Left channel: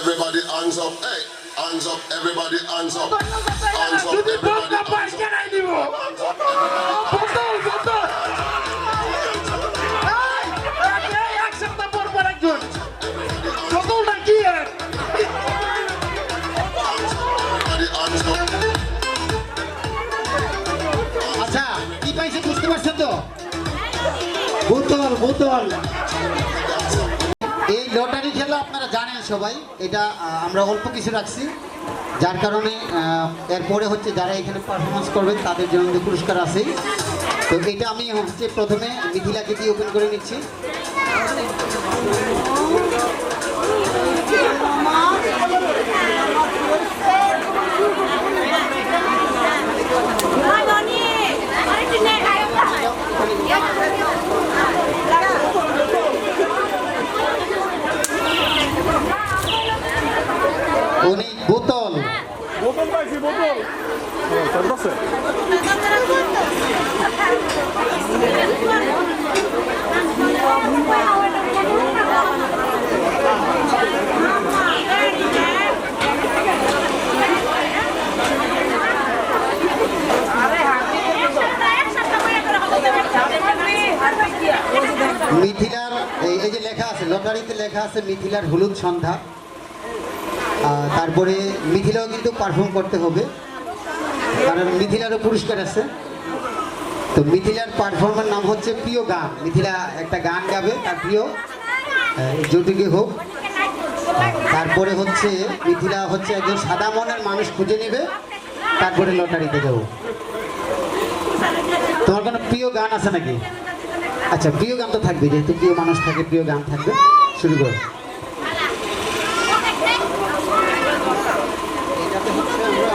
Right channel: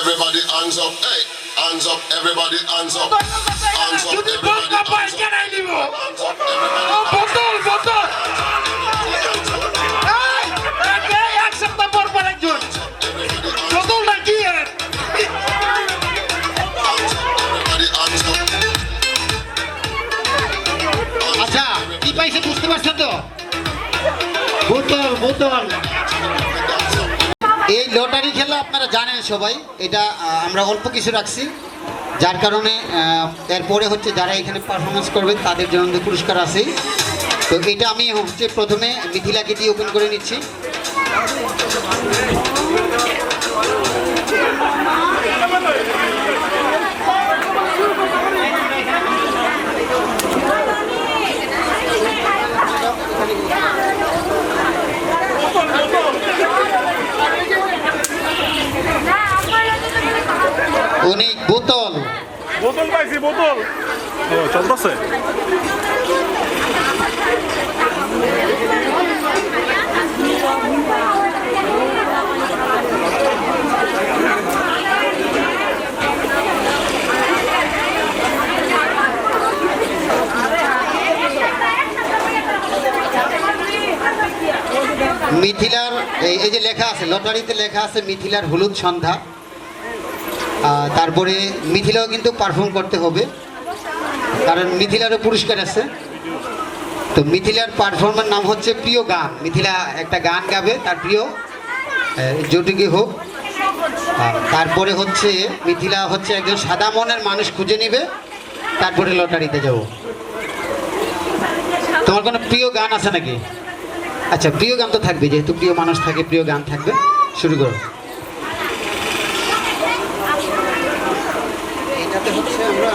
Everybody hands up, hey, hands up, everybody hands up, hands up, everybody hands up, আচ্ছা কি পাইছে বুঝতে পারছো তো? বোতল বোতল। এই লটারি খেলা আপনারা জানেন সবাই, এটা আমরা অল্প কিছু রাখছি, যার কারণে এরপরে হচ্ছে যারা এখানে পারফরমেন্স করবেন তাদের জন্য পুরস্কার আছে। তো এটা আমি হচ্ছে প্রথমে মিথিলাকে দিয়ে ওপেন করে নিচ্ছি। অনেক বোতল বোতল পাইছি, বোতল চলতেছে। মিথিলার এই যে লেখা আছে, লটারিতে লেখা আছে মিথিলার হলুদ সন্ধ্যা। তারপরে মিথিলাও কিন্তু পারফর্ম করতে হবে, কারণ মিথিলারও পুরস্কার আছে। তো মিথিলার পারফর্মের নাম হচ্ছে প্রিয় গান। মিথিলা একটা গান গাবে, তার প্রিয় যেটুকু হোক। তারপরে হচ্ছে মিথিলা হচ্ছে একজন সাদা মনের মানুষ খুঁজে নেবে, তারপরে লটারিতে যাব। তোমার কোনো প্রিয় গান আছে নাকি? আচ্ছা, প্রিয় গান তো থাকবে, যেহেতু প্রিয় মানুষ থাকে প্রিয় গান থাকবে। শুরু করো। এটাতে হচ্ছে আমরা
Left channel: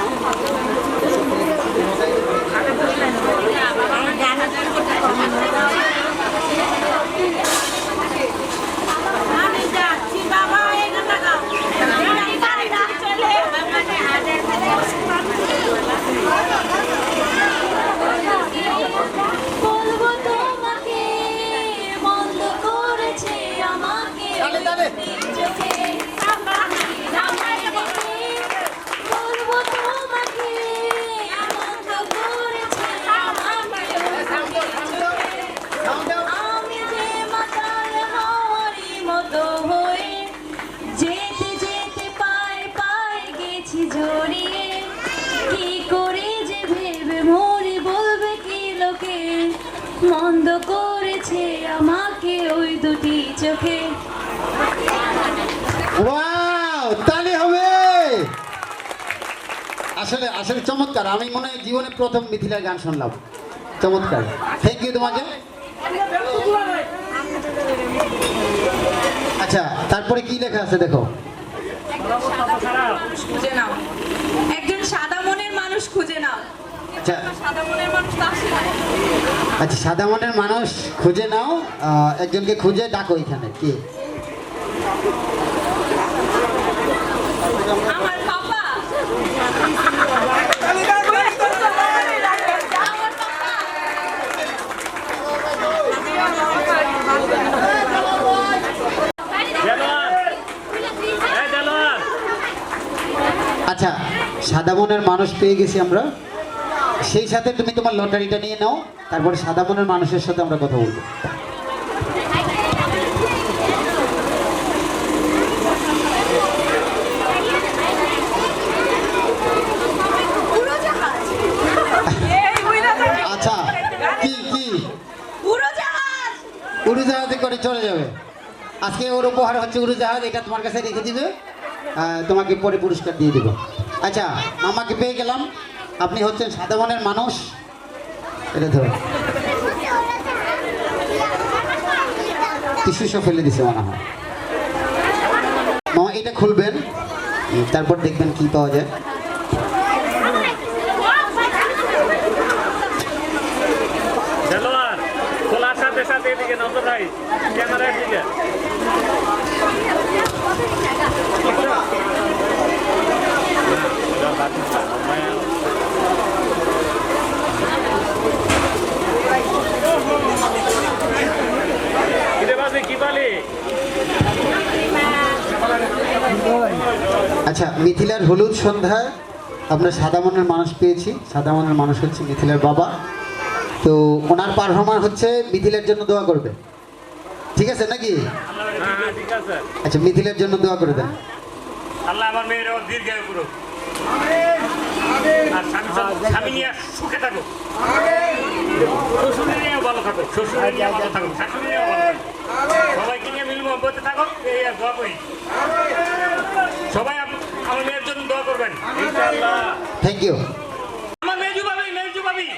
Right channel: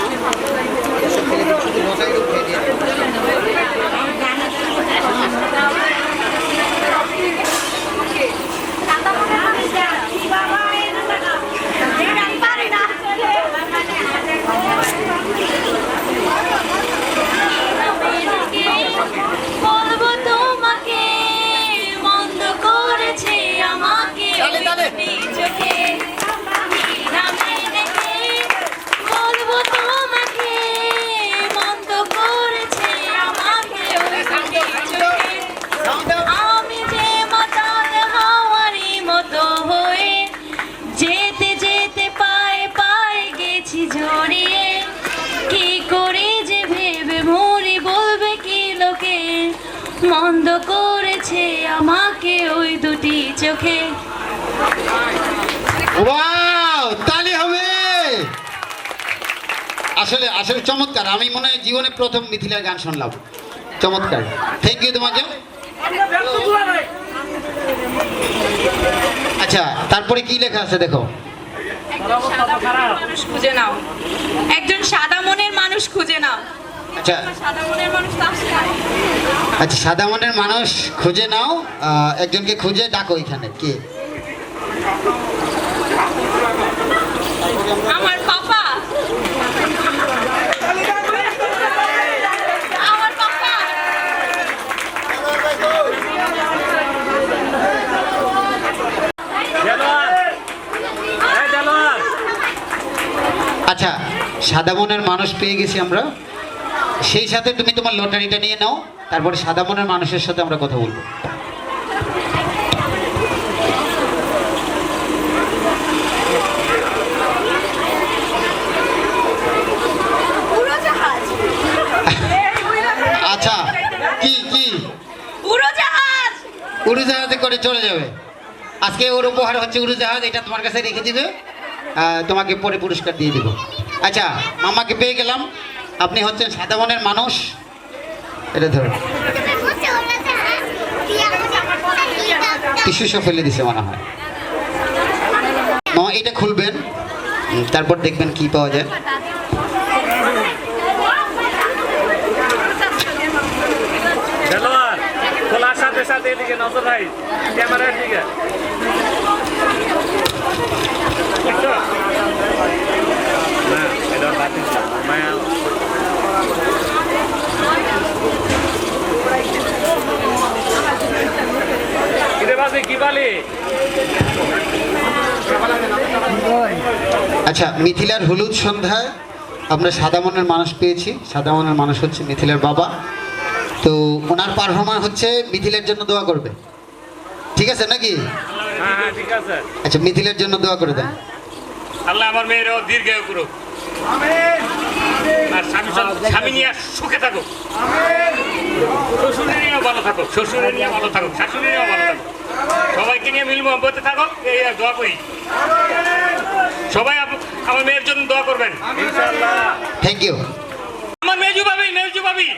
মন্দ করেছে আমাকে ওই দুটি চোখে। ওয়াও, তালি হবে। আসলে আসলে চমৎকার। আমি মনে হয় জীবনে প্রথম মিথিলার গান শুনলাম। চমৎকার, থ্যাংক ইউ তোমাকে। আচ্ছা, তারপরে কি লেখা আছে দেখো। একজন সাদা মনের মানুষ খুঁজে নাও, একজন সাদা মনের মানুষ খুঁজে নাও। আচ্ছা, সাদা মনের মানুষ তো আসে না। আচ্ছা, সাদা মনের মানুষ খুঁজে নাও, একজনকে খুঁজে ডাকো। এখানে কে? আমার পাপা। আমার পাপা। আচ্ছা, সাদা মনের মানুষ পেয়ে গেছি আমরা। সেই সাথে তুমি তোমার লটারিটা নিয়ে নাও, তারপরে সাদা মনের মানুষের সাথে আমরা কথা বলবো। উড়োজাহাজ আচ্ছা, কি কি উড়োজাহাজ উড়োজাহাজে করে চলে যাবে? আজকে ওর উপহার হচ্ছে উড়োজাহাজ, এটা তোমার কাছে রেখে দিবে, তোমাকে পরে পুরস্কার দিয়ে দিব। আচ্ছা, মামাকে পেয়ে গেলাম, আপনি হচ্ছেন সাদা মনের মানুষ। এটা ধরো, টিস্যু সব ফেলে দিছে মনে হয়। মামা এটা খুলবেন, তারপর দেখবেন কি পাওয়া যায়। খেলোয়াড় খোলার সাথে সাথে এদিকে নজর রাখ, ক্যামেরার দিকে। বুঝছো? না, এটা বাতিল না, মায়া। কিরে বাজে কি বালি? আচ্ছা, মিথিলার হলুদ সন্ধ্যায় আমরা সাদা মনের মানুষ পেয়েছি। সাদা মনের মানুষ হচ্ছে মিথিলার বাবা। তো ওনার পারফরম্যান্স হচ্ছে মিথিলার জন্য দোয়া করবে, ঠিক আছে নাকি? হ্যাঁ, ঠিক আছে। আচ্ছা, মিথিলার জন্য দোয়া করে দেন। আল্লাহ আমার মেয়ের দীর্ঘায়ু করুক, আর স্বামী নিয়ে সুখে থাকুক, শ্বশুরে নিয়ে ভালো থাকুক, শ্বশুরে নিয়ে ভালো থাকুক, শাশুড়ি নিয়ে ভালো থাকুক, সবাইকে নিয়ে মিল মহব্বতে থাকুক, এই দোয়া করি। সবাই আমার মেয়ের জন্য দোয়া করবেন ইনশাআল্লাহ। Thank you. আমার মেজু ভাবি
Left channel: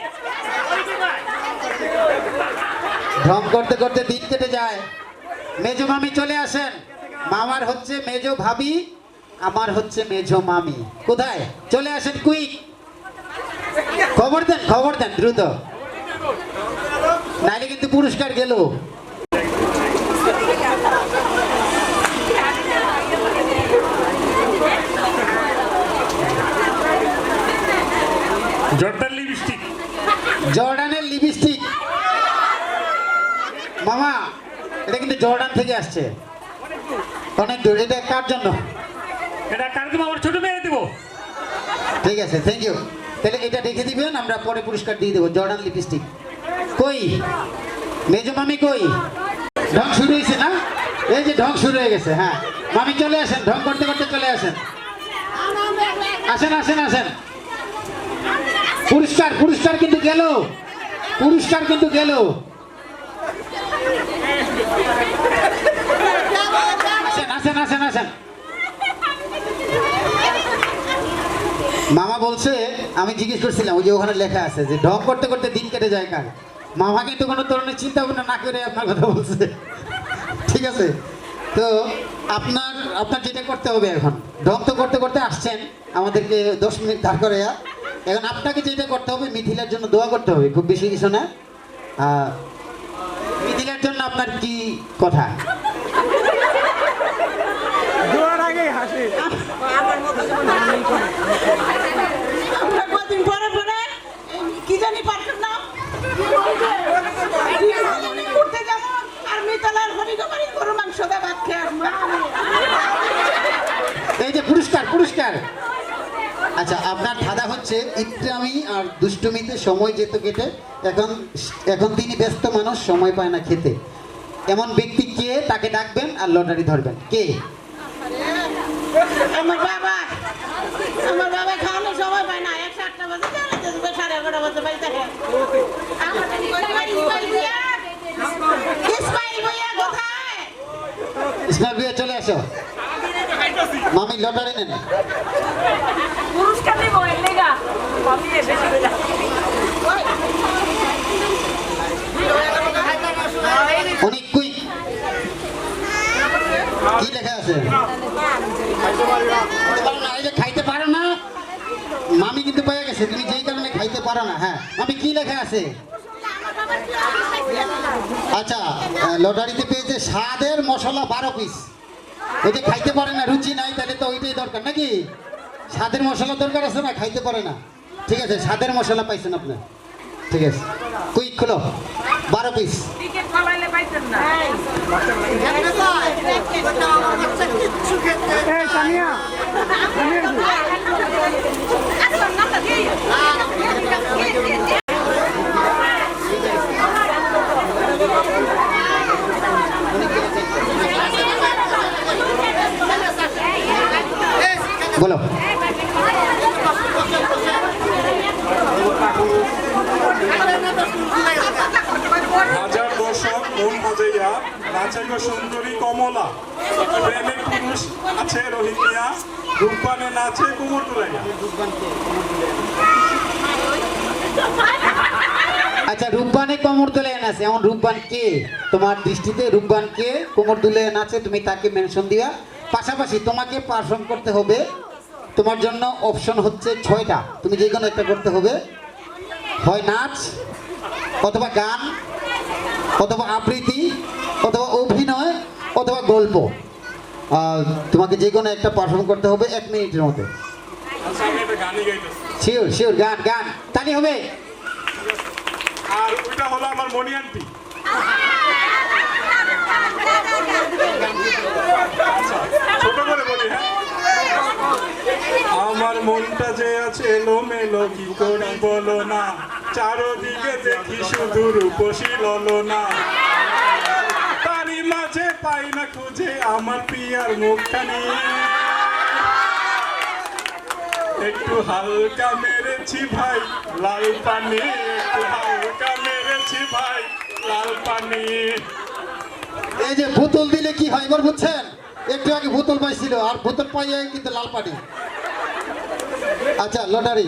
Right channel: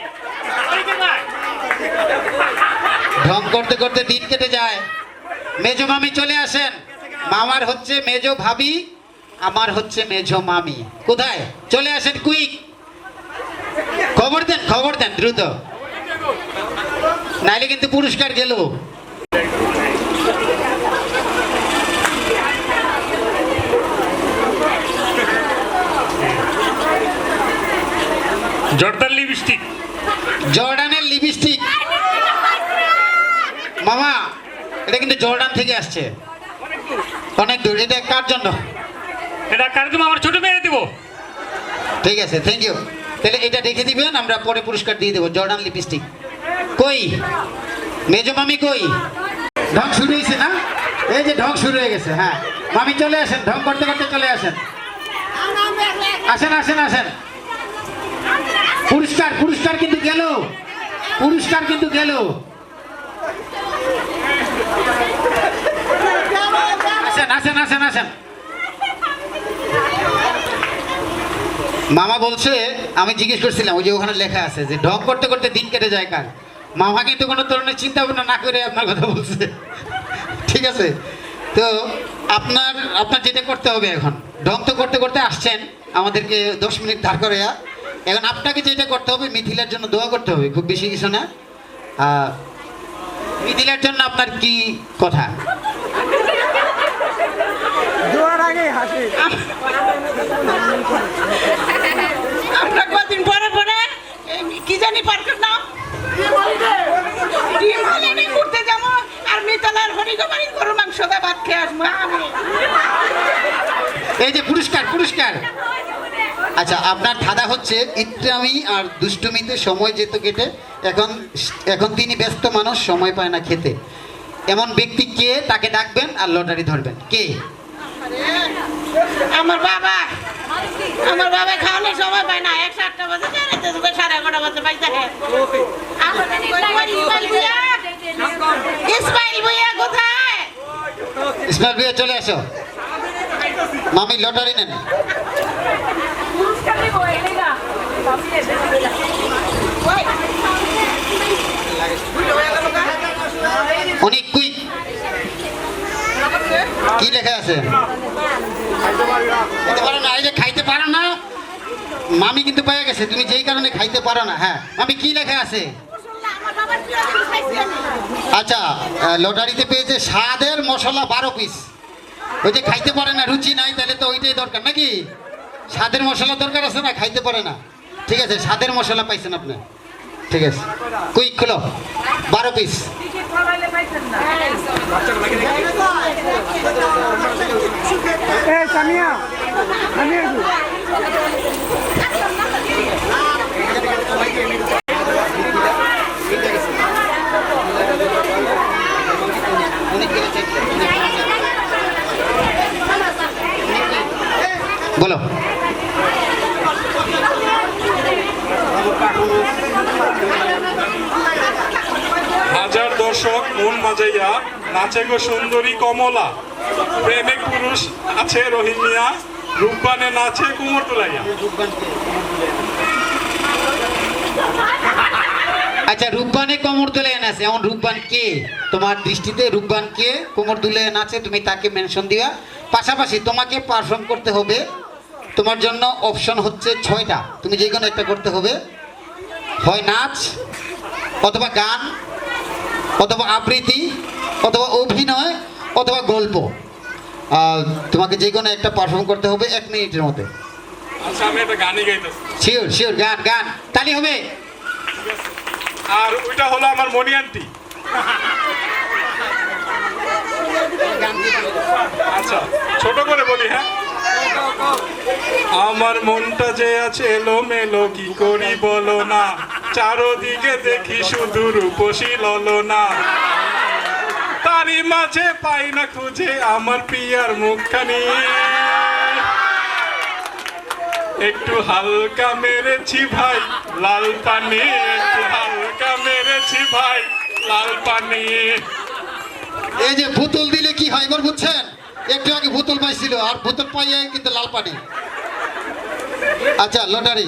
ঢং করতে করতে দিন কেটে যায়। মেজো মামি চলে আসেন। মামার হচ্ছে মেজো ভাবি, আমার হচ্ছে মেজো মামি। কোথায়? চলে আসেন, কুইক খবর দেন দ্রুত, নাইলে কিন্তু পুরস্কার গেল। জর্ডানের লিপস্টিক। মামা, এটা কিন্তু জর্ডান থেকে আসছে, অনেক দূর। এটা কার জন্য? এটা কার জন্য? আমার ছোট মেয়ে দিব। ঠিক আছে, থ্যাংক ইউ। তাহলে এটা রেখে দিবেন, আমরা পরে পুরস্কার দিয়ে দেবো। জর্ডান লিপস্টিক কই? মেজো মামি কই? ঢং শুরু হয়েছে না? এই যে ঢং শুরু হয়ে গেছে। হ্যাঁ, মামি চলে আসেন, ঢং করতে করতে চলে আসেন। আসেন আসেন আসেন। পুরস্কার কিন্তু গেল, পুরস্কার কিন্তু গেল। আসেন আসেন আসেন আসেন। মামা বলছে, আমি জিজ্ঞেস করছিলাম, ওই যে ওখানে লেখা আছে যে ঢং করতে করতে দিন কেটে যায় কার। মামা কিন্তু কোনো ধরনের চিন্তা ভাবনা না করে আপনার কথা বলছে, ঠিক আছে? তো আপনার যেটা করতে হবে, এখন ঢং তো করতে করতে আসছেন আমাদেরকে 10 মিনিট ধার করে, এখন আপনাকে যেটা করতে হবে, মিথিলার জন্য দোয়া করতে হবে, খুব বেশি কিছু না। মিথিলার জন্য আপনার কি কথা? দোয়ার আগে হাসি। আমরা কদিন পরে পরে কি জানি পার্কের নাম ঘুরতে যাবো, আর মিতালার হরিগমারি গরু মাংস দা ভাত খেয়ে আসবো। এই যে পুরস্কার। আচ্ছা, আপনার ধাঁধা হচ্ছে ইত্রামি আর দুষ্টুমিতে সময় যেত কেটে, এখন তিনি ব্যস্ত মানুষ, সময় পায় না খেতে। এমন ব্যক্তি কে? তাকে ডাকবেন আর লটারি ধরবেন। কে? আমার বাবা খাওয়ানোর সময় পায় না। 1:08 বাজে 11:30 বাজে পাই থাকে। ইসমাইল ভাইয়া কোথায়? ইসমাইল ভাইয়া চলে আসো। মামি লটারি নেন। অনেক কুইক। কি লেখা আছে? খাইতে পারো না। মামি কিন্তু পেয়ে গেছে, তুমি যেই কারণে খাইতে পারো না। হ্যাঁ মামি, কি লেখা আছে? আচ্ছা, লটারিতে পেয়েছে স্বাদের মশলা 12 পিস। ওই যে খাইতে পারে না, রুচি নাই, তাহলে তো ওইটাই দরকার নাকি? স্বাদের মশলা দরকার আছে না, খাইতে পারে না। ঠিক আছে, স্বাদের মশলা পাইছেন আপনি। ঠিক আছে, কুইক খোলো, 12 পিস। এই এই সামিয়া সামিয়া বলো। হাজার দর্শক মন বাজাইয়া নাচে গো সুন্দরী কমলা, প্রেমিক পুরুষ আছে রোহিঙ্গিয়া, রূপবানে নাচে কুমোর তুলাইয়া। আচ্ছা, রূপবানে কোমর দুলে নাচে, এমন রূপবান কে তোমার দৃষ্টিতে? রূপবান কে কোমর দুলে নাচে তুমি তাকে মেনশন দিবা। পাশাপাশি তোমাকে পারফর্ম করতে হবে। তোমার জন্য অপশন হচ্ছে 6টা, তুমি যে কোনো একটা করতে হবে। হয় নাচ, অথবা গান, অথবা আবৃত্তি, অথবা অভিনয়, অথবা গল্প। তোমাকে যে কোনো একটা পারফর্ম করতে হবে 1 মিনিটের মধ্যে। আচ্ছা, আমি একটা গানই গাইতেছি। শিওর শিওর, গান গান তালি হবে। আর ওইটা হলো আমার মনি আন্টি। আচ্ছা, ছোট করে বলি। হ্যাঁ, আমার মনটা যে আছে এলোমেলো, কি করি বলো না, চারদিকে দেখি শুধু রূপসী ললনা, তারই মাঝে পাই না খুঁজে আমার পিয়ার মুখখানি, একটু হালকা মেরেছি ভাই লাল পানি, একটু হালকা মেরেছি ভাই লাল পানি। এই যে বোতল দিলে কি হয় এবার বুঝছেন? একটু আগে বোতল পাইছিল, আর বোতল পাইয়ে কিন্তু লাল পানি। আচ্ছা, লটারি।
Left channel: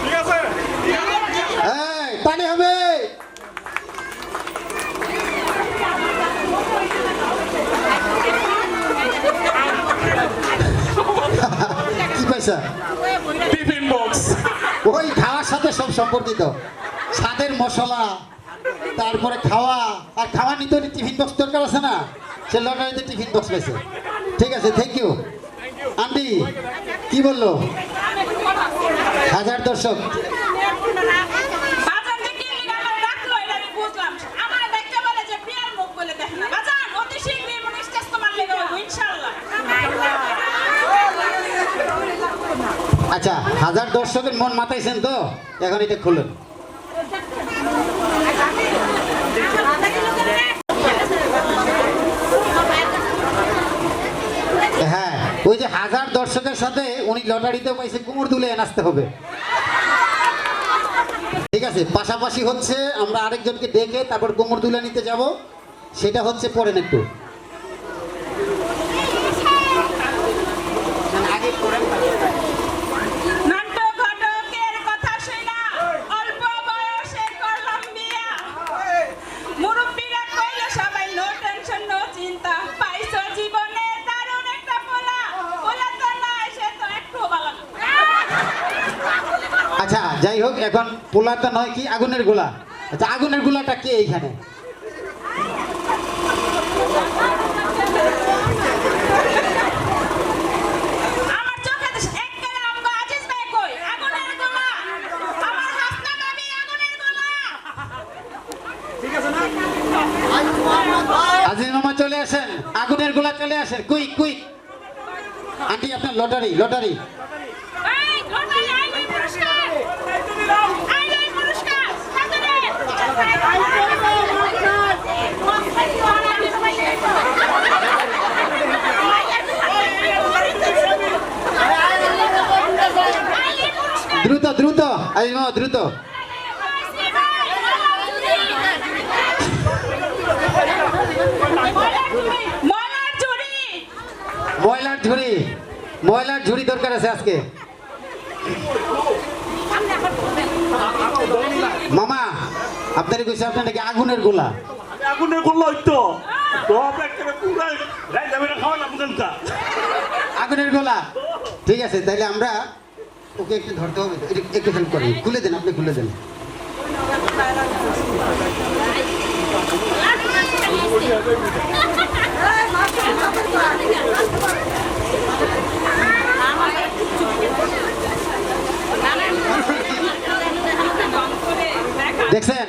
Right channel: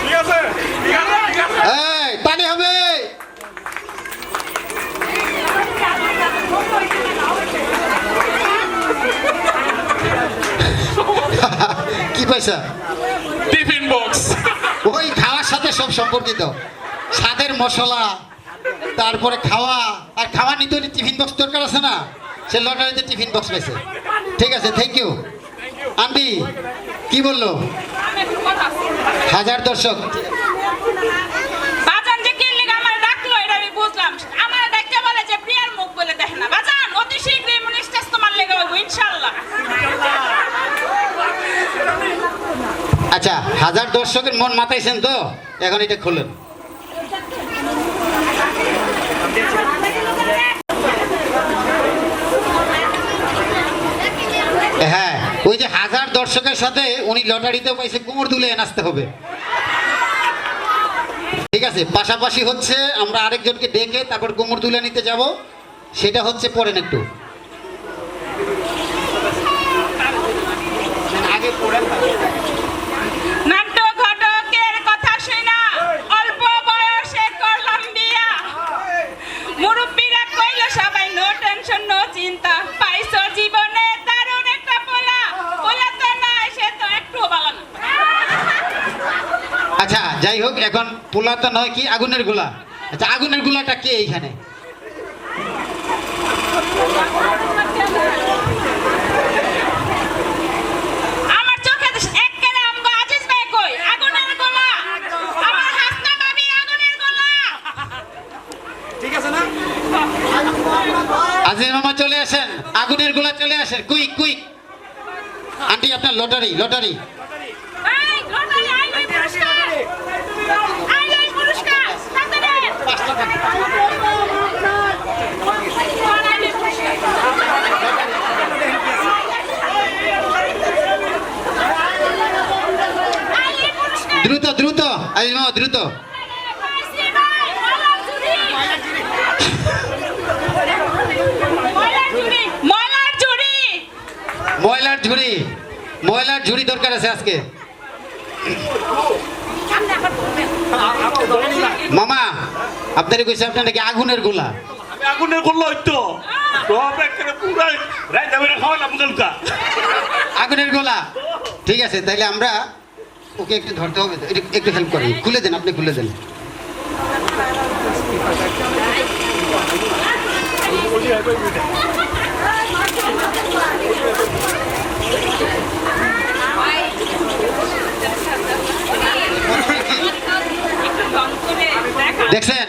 ঠিক আছে, এই পানি হবে। কি পয়সা? Tiffin box. ওই খাওয়ার সাথে সব সম্পর্কিত, স্বাদের মশলা, তারপরে খাওয়া, আর খাওয়া নিতে হলে টিফিন বক্স দরকার আছে না, সে লটারিতে টিফিন বক্স পেয়েছে। ঠিক আছে, থ্যাংক ইউ। আন্টি কি বললো? হাজার দর্শক বাজান যে কি লিগা আমার ডাকলো এটা আমি বুঝলাম। আমার দেখতে বলে যে প্রিয়ার মুখ বলে দেখে না। বাজান অতি শীঘ্রই মনে স্টেজ তোমার লেগে হইব ইনশাআল্লাহ। আচ্ছা, হাজার দর্শকের মন মাতাইছেন তো, এখন এটা খুলুন। হ্যাঁ, ওই যে হাজার দর্শকের সাথে উনি লটারিতেও পাইছে, কোমর দুলে নাচতে হবে। ঠিক আছে, পাশাপাশি হচ্ছে আমরা আরেকজনকে ডেকে তারপর কোমর দুলে নিতে যাব, সেটা হচ্ছে পড়েন একটু আগে পড়েন। নাটক ঘটকের কথা শুনা অল্প বয়সে করলাম বিয়া, মুরব্বীরা কইল সবাই নো টেনশন নো চিন্তা, পাইছো জীবনে দারুণ একটা পোলা, পোলা তো না সে তো একটু বাগান। আচ্ছা, যাই হোক, এখন পোলা তো নয়, কি আগুনের গোলা। আচ্ছা, আগুনের গোলাটা কে এইখানে? আমার চোখে একবারে আমগো আজিজ ভাই কই আগুনের গোলা, আমার হাসনা মামি আগুনের গোলা। আজিজ মামা চলে আসেন, আগুনের গোলা চলে আসেন, কুইক কুইক। আন্টি আপনার লটারি, লটারি। এই লটারি আইলাই পুরস্কার, আইলাই পুরস্কার তাড়াতাড়ি। আইলাই পুরস্কার দ্রুত দ্রুত, আজিজ মামা দ্রুত। পাইছি ভাই, ময়লার ঝুড়ি। ময়লার ঝুড়ি, ময়লার ঝুড়ি। ময়লার ঝুড়ি, ময়লার ঝুড়ি দরকার আছে আজকে। সামনে আবার করবেন। মামা আপনারে কইছে আপনার নাকি আগুনের গোলা। আগুনের করলো হইতো সব একটা পুরাই রাইতে বেরা খাওয়ালাম গলকা। আগুনের গোলা, ঠিক আছে, তাহলে আমরা ওকে একটু ধরতে হবে, একটু হেল্প করেন, খুলে দেন, আপনি খুলে দেন। দেখছেন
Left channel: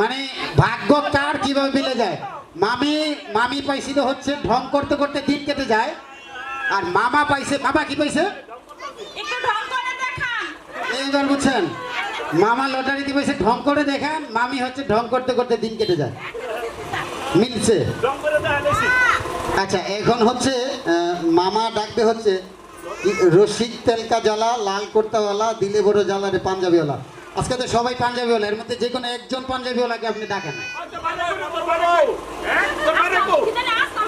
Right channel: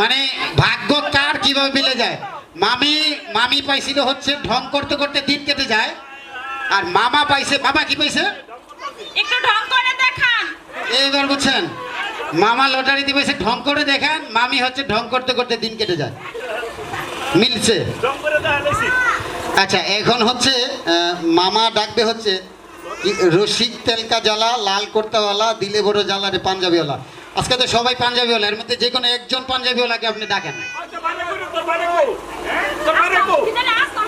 মানে ভাগ্য কার কিভাবে মিলে যায়। মা মামি পাইছিল হচ্ছে ঢং করতে করতে দিন কেটে যায়, আর মামা পাইছে, মামা কি পাইছে একটু ঢং করে দেখান। এইবার বুঝছেন, মামা লটারিতে পাইছে ঢং করে দেখান, মামি হচ্ছে ঢং করতে করতে দিন কেটে যায়। মিলছে। আচ্ছা এখন হচ্ছে মামা ডাকবে হচ্ছে রসিক তেলকা জ্বালা, লাল কুর্তাওয়ালা, দিলে বড় জ্বালা রে পাঞ্জাবিওয়ালা। আজকে তো সবাই পাঞ্জাবিওয়ালা, এর মধ্যে যে কোনো একজন পাঞ্জাবিওয়ালাকে আপনি ডাকেন। কিজানি আসলাম।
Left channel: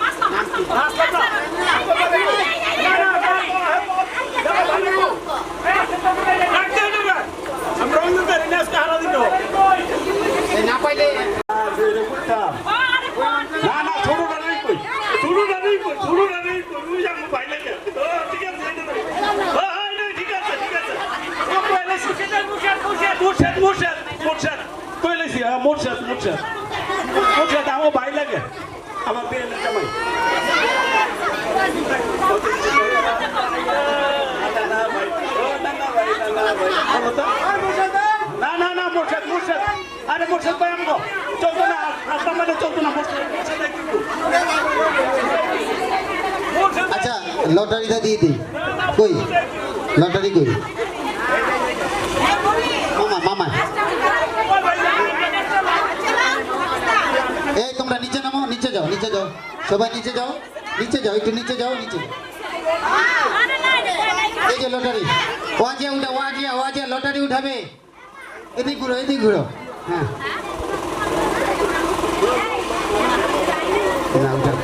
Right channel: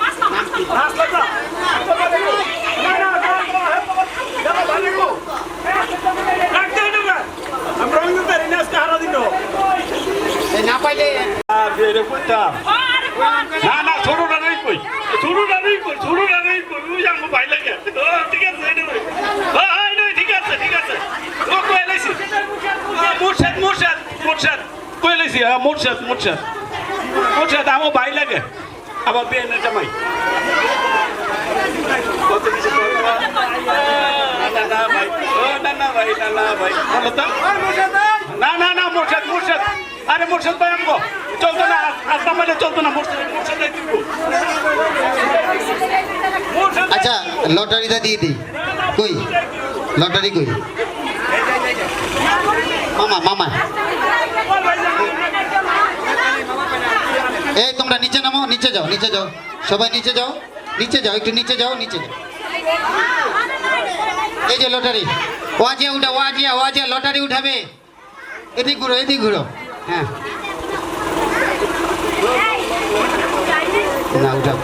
না পাইলে আরে কোন না না ছোটটা নেই কই, ছোটটা নেই কই, ছোটটা নেই কই, ওই আমার ভাই লাগে। ঠিক আছে ঠিক আছে ঠিক আছে। ও কই লাইছি মুর্শিদ কই লাইছি মুর্শিদ আমার ভাই লাগে, আমার বিয়ে না জামাই। না মুর্শিদ আরে মুর্শিদ ভাই আমগো চলতো না, রাস্তা মানে চলতো না, মুর্শিদ আচ্ছা লটারিটা দিয়ে দিই। কই লটারি কই? মামা এই তোমরা নিচে নামো, নিচে যাও সবাই নিচে যাও, একটু নিচে যাও। এই যে লটারি, ওয়াজিয়া লটারি উঠাবে। এদিক ঘুরো হ্যাঁ না উঠাও।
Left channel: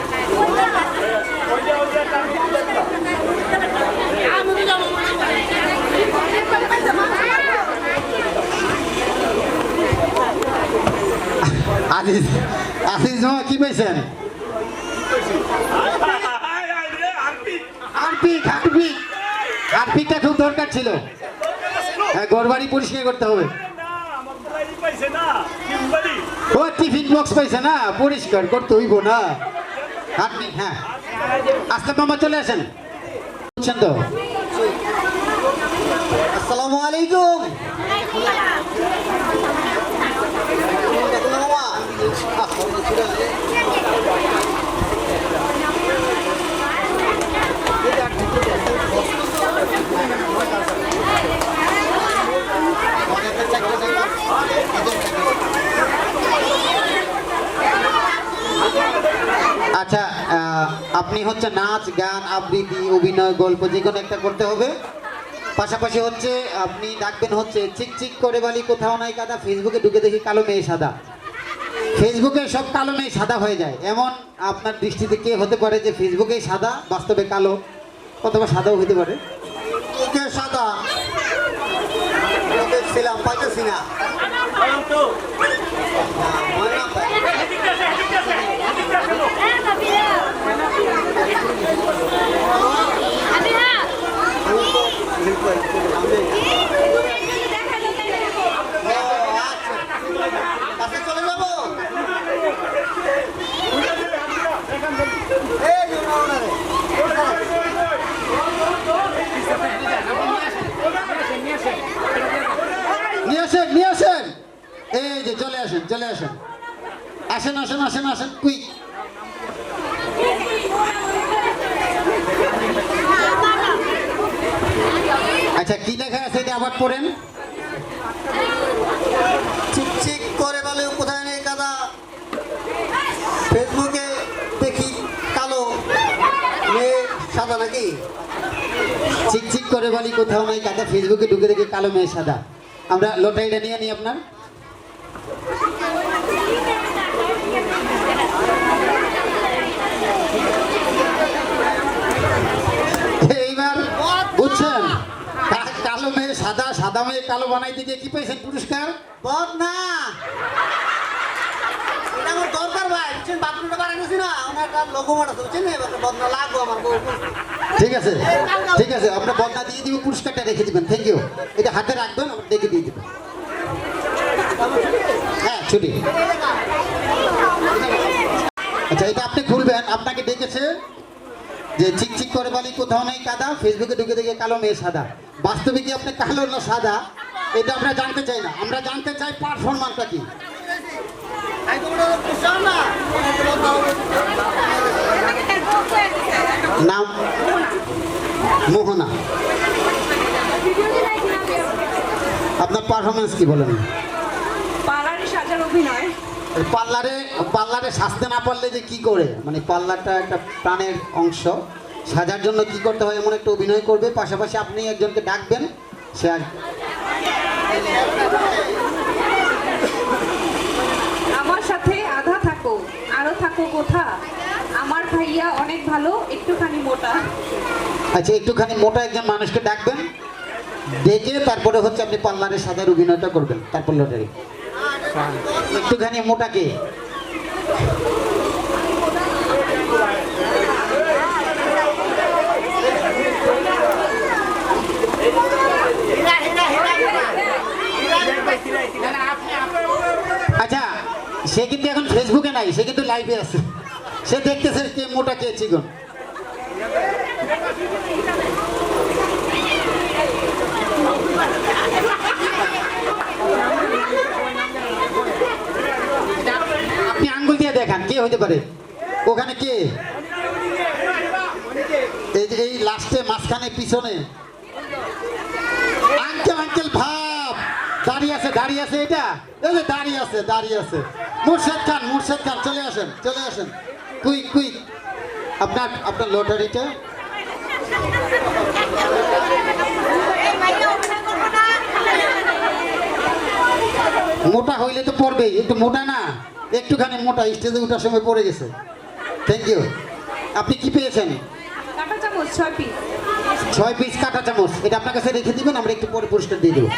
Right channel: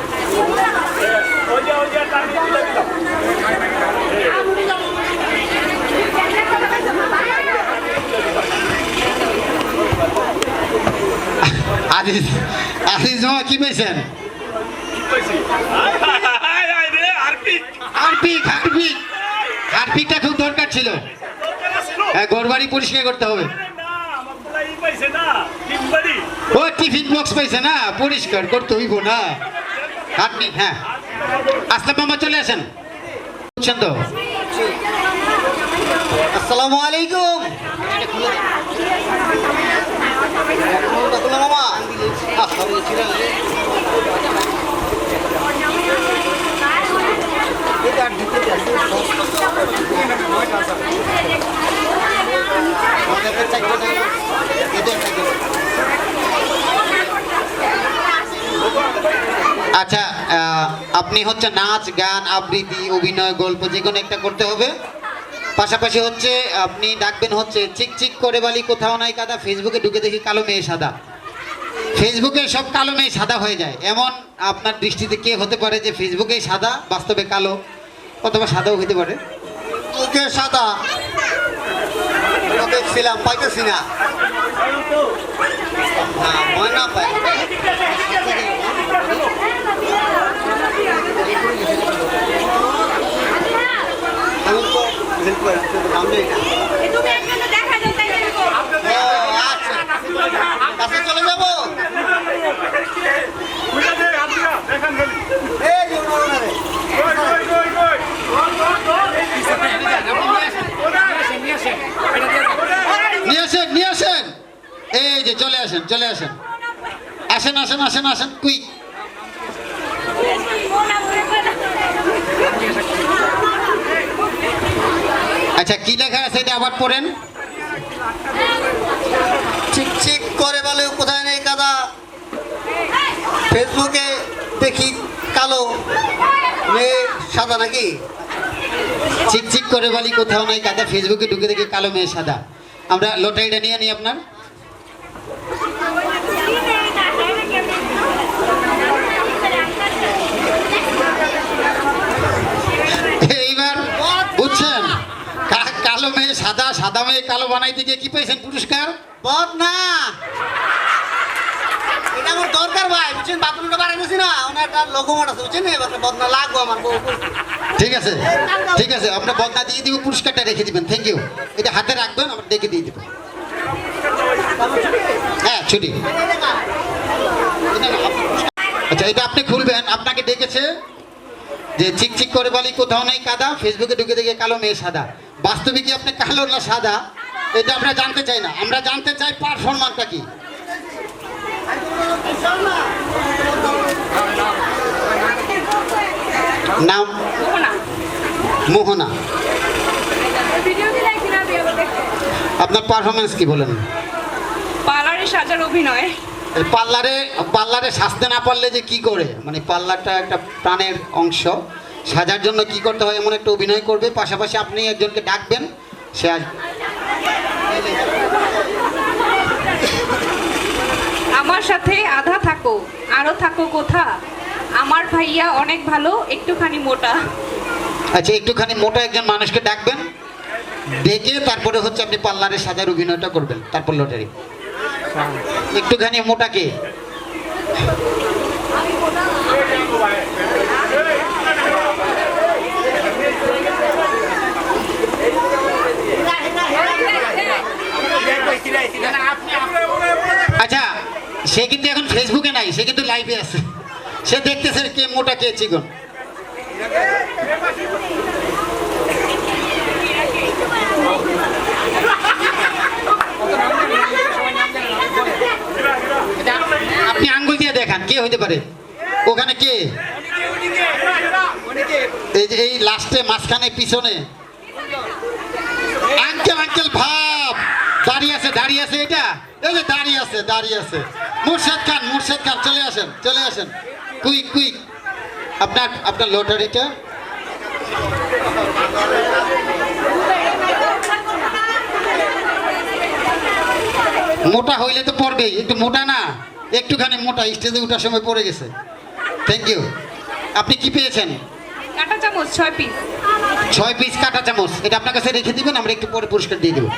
আজিজ মামা কি পাইছেন? হারপিকটা খুব দরকার ছিল। হ্যাঁ, ঘরবাড়ি পরিষ্কার করতে হবে। ও টিফিন বক্স পাইছে না, পরিষ্কার করতে হইব না। হারপিক হ্যাঁ। আসলাম মামা চলে আসেন, বুঝছেন তো? আসসালামু আলাইকুম মামা। আচ্ছা আপনি হচ্ছে নাচ গান আবৃত্তি অভিনয় গল্প যে কোনো একটা করতে হবে। পাশাপাশি হচ্ছে আপনি ডাকবেন হচ্ছে চিকচিক করে বালি কোথাও নাই কাদা, ফেসবুকে ঢুকে দেখি কালো মেয়ে সাদা। ফেসবুকে সব কালো মেয়ে সাদা হয়ে যায়, এমন আপনার দৃষ্টিতে কে হতে পারে যে ফেসবুকে সাদা বাস্তবে কালো, অথবা সাদাও হতে পারে? ওকে সাদা দেখছিলাম, পাইতেছি না। ময়না পাই আচ্ছা চলে যাবো। নিয়ে আসেন এই যে চলে আসেন আসেন কুইক। আচ্ছা কি লেখা আছে এটা আবার পড়েন। চিকচিক করে বলে কোথায় নেই কাদা, ফেসবুকে দেখি কালো মেয়ে সাদা নাকি? চিকচিক করে বলি কোথাও নাই কাদা, ফেসবুকে ঢুকে দেখি কালো মেয়ে সাদা। আমরা লটারিটা নিয়ে নিই আপনার। এইবার বুঝছেন, কালো মেয়ে সাদা, সাদা মেয়ে কালো বানাইতে গিয়ে কি পেয়েছেন পুরস্কার? বদ না, এটা আমার দরকার ভাই, বুঝছেন? বাথরুমটা বানাইছি না, ওনার লোকমত আছে, বুঝছেন? এবার বদনা লাগবো আমার। ঠিক আছে আমরা বদনা দিয়ে দিব, পুরস্কারটা রেখে দিবেন। Thank you. এটা হাতে রাখবেন, আমরা ডেকে দিয়ে দিব। হ্যাঁ ছুটি। আচ্ছা এটা আপনি খুলবেন, আপনাকে ডেকেছে যে চিকচিক করে বলি কোথাও নাই কাদা, ফেসবুকে ঢুকে দেখে কালো মেয়ে সাদা। বাস্তবে কি আপনি কালো না সাদা এটা আমরা জানতে চাই না, আমরা জানতে চাই পারফরম্যান্সটা কি। নাম মোহনা। আপনার পারফরমেন্স কি বলেন? পার্লারে সাজার অভিনয়। পার্লারে সাজতে না পারলে যে কি করে, মানে পার্লারটা একটা প্রাণের অংশ, সাজার জন্য কি করতে হয় এমন একটা অভিনয় করবে, পাশাপাশি আপনি একজনকে ডাকবেন, সে আমার সাথে আধা থাকো আরো থাকো কোথা, আমার ভাইয়া অনেক ভালো একটুখানি মোটা। আচ্ছা, একটুখানি মোটা একজন মানুষকে ডাকবেন, ডেকে তারপরে হচ্ছে আপনি পার্লারে সাজার অভিনয়টা করবেন, তারপর লটারি। একটুখানি মোটাকে আচ্ছা, সে কিন্তু এখন ফেসবুকে নাই, সে কিন্তু লাইভে আছে, সে দেখতেছে কে মোটা কে চিকন। আপনি আঙ্গুল দিয়ে দেখান কে হইতে পারে ওখানে, কে এই যে এই লাস্টে মাঝখানে পিছনে আঙ্কেল আঙ্কেল ভাব দাঁড়িয়ে আছে এটা, এই যে দাঁড়িয়ে আছে মুর্শেদ খান চলে আসেন কুইক আপনার লটারিটা। মোটা হইলে তো পড়বেই, একটু মোটা না, একটুখানি মোটা, স্টেজে ওঠার সময় পড়ে গেছে। Thank you. আপনি কি পেয়েছেন? কাঁটা চামচ 6 পিস। 6 পিস কাঁটা চামচ, এটা আপনার কাছে রেখে দিবেন, আমরা একটু পরে পুরস্কার দিয়ে দেবো।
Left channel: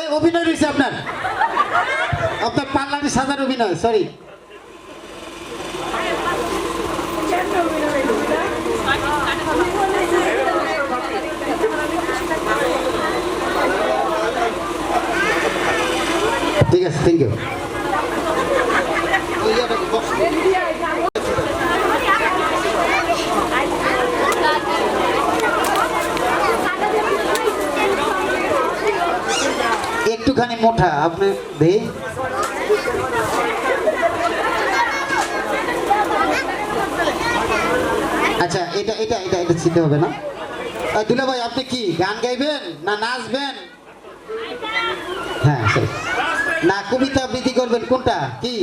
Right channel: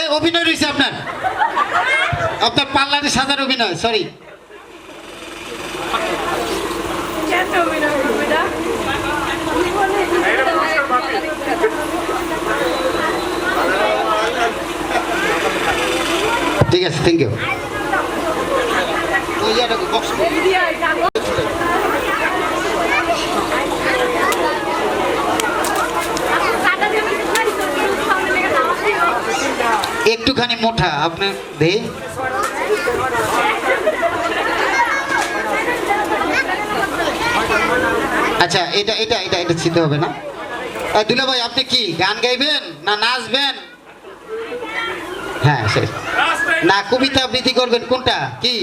এই অভিনয় রয়েছে আপনার পার্লারে সাজার অভিনয়, সরি। ঠিক আছে, থ্যাংক ইউ। একটুখানি মোটা আপনার দেহ, আচ্ছা এটা ছিতে হবে না। দুলা ভাই, আপনি কি গান গাইবেন না নাচবেন? হ্যাঁ সে না, কবিতা আবৃত্তি করবেন, কোনটা কি?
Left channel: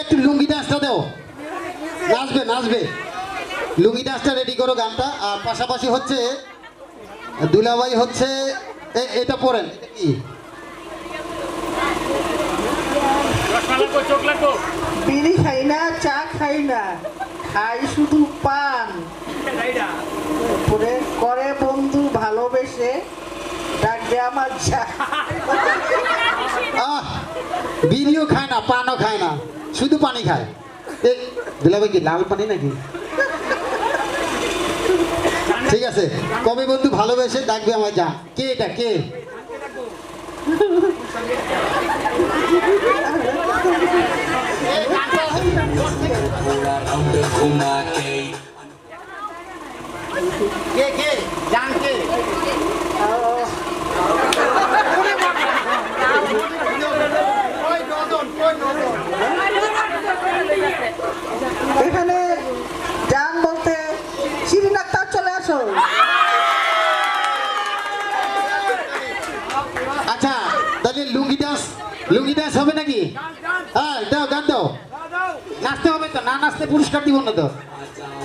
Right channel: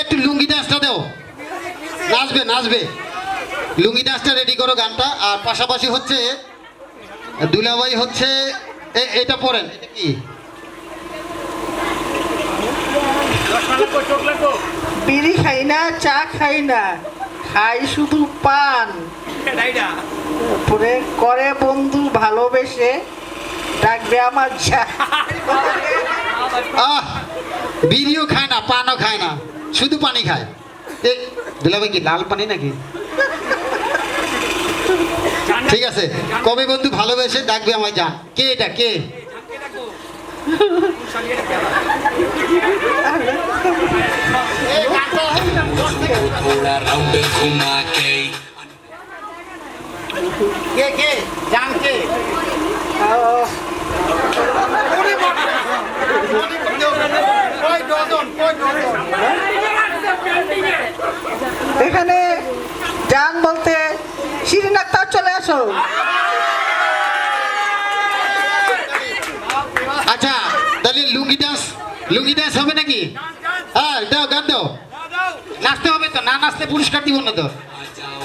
একটু লুঙ্গি ডান্সটা দাও, নাচবে লুঙ্গি ডান্সটা রেডি করো গানটা। আর পাশাপাশি হচ্ছে দুলাভাই হচ্ছে এটা পড়েন, এটা কি? বিড়ি খাই না, চা খাই না, খাই শুধু পান, করে বন্ধু ভালোবেসে ডাকবে আমার যা। বিড়িও খায় না, পানও খায় না, শুধু পানি খায়। দুলাভাই কি লাল পানি নাকি? ঠিক আছে, কবে বন্ধু ভালোবেসে ডাকবে আমায় যা। কে এটা, কে? কে জান কে? এখানে জান বলতে শিরিন আক্তার, চলে আসো। আচ্ছা, তাহলে লুঙ্গি ডান্স হবে নাকি? হ্যাঁ দাও, গান দাও, নাচতে হবে তো, না নাচতে পুরস্কার দিব না তো।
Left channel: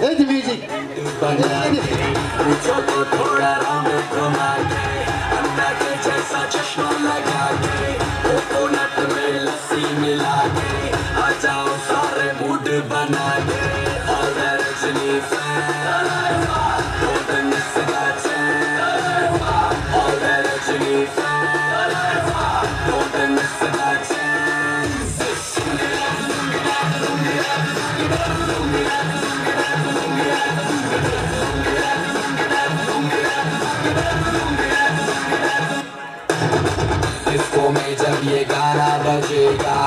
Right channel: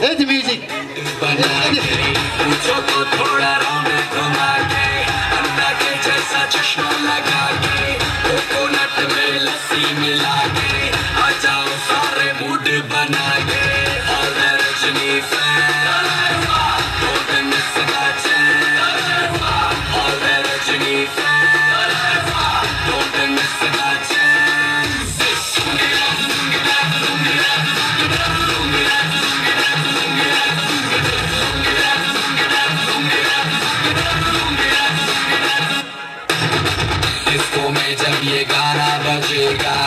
এই যে মিউজিক, जब ये गाना बजेगा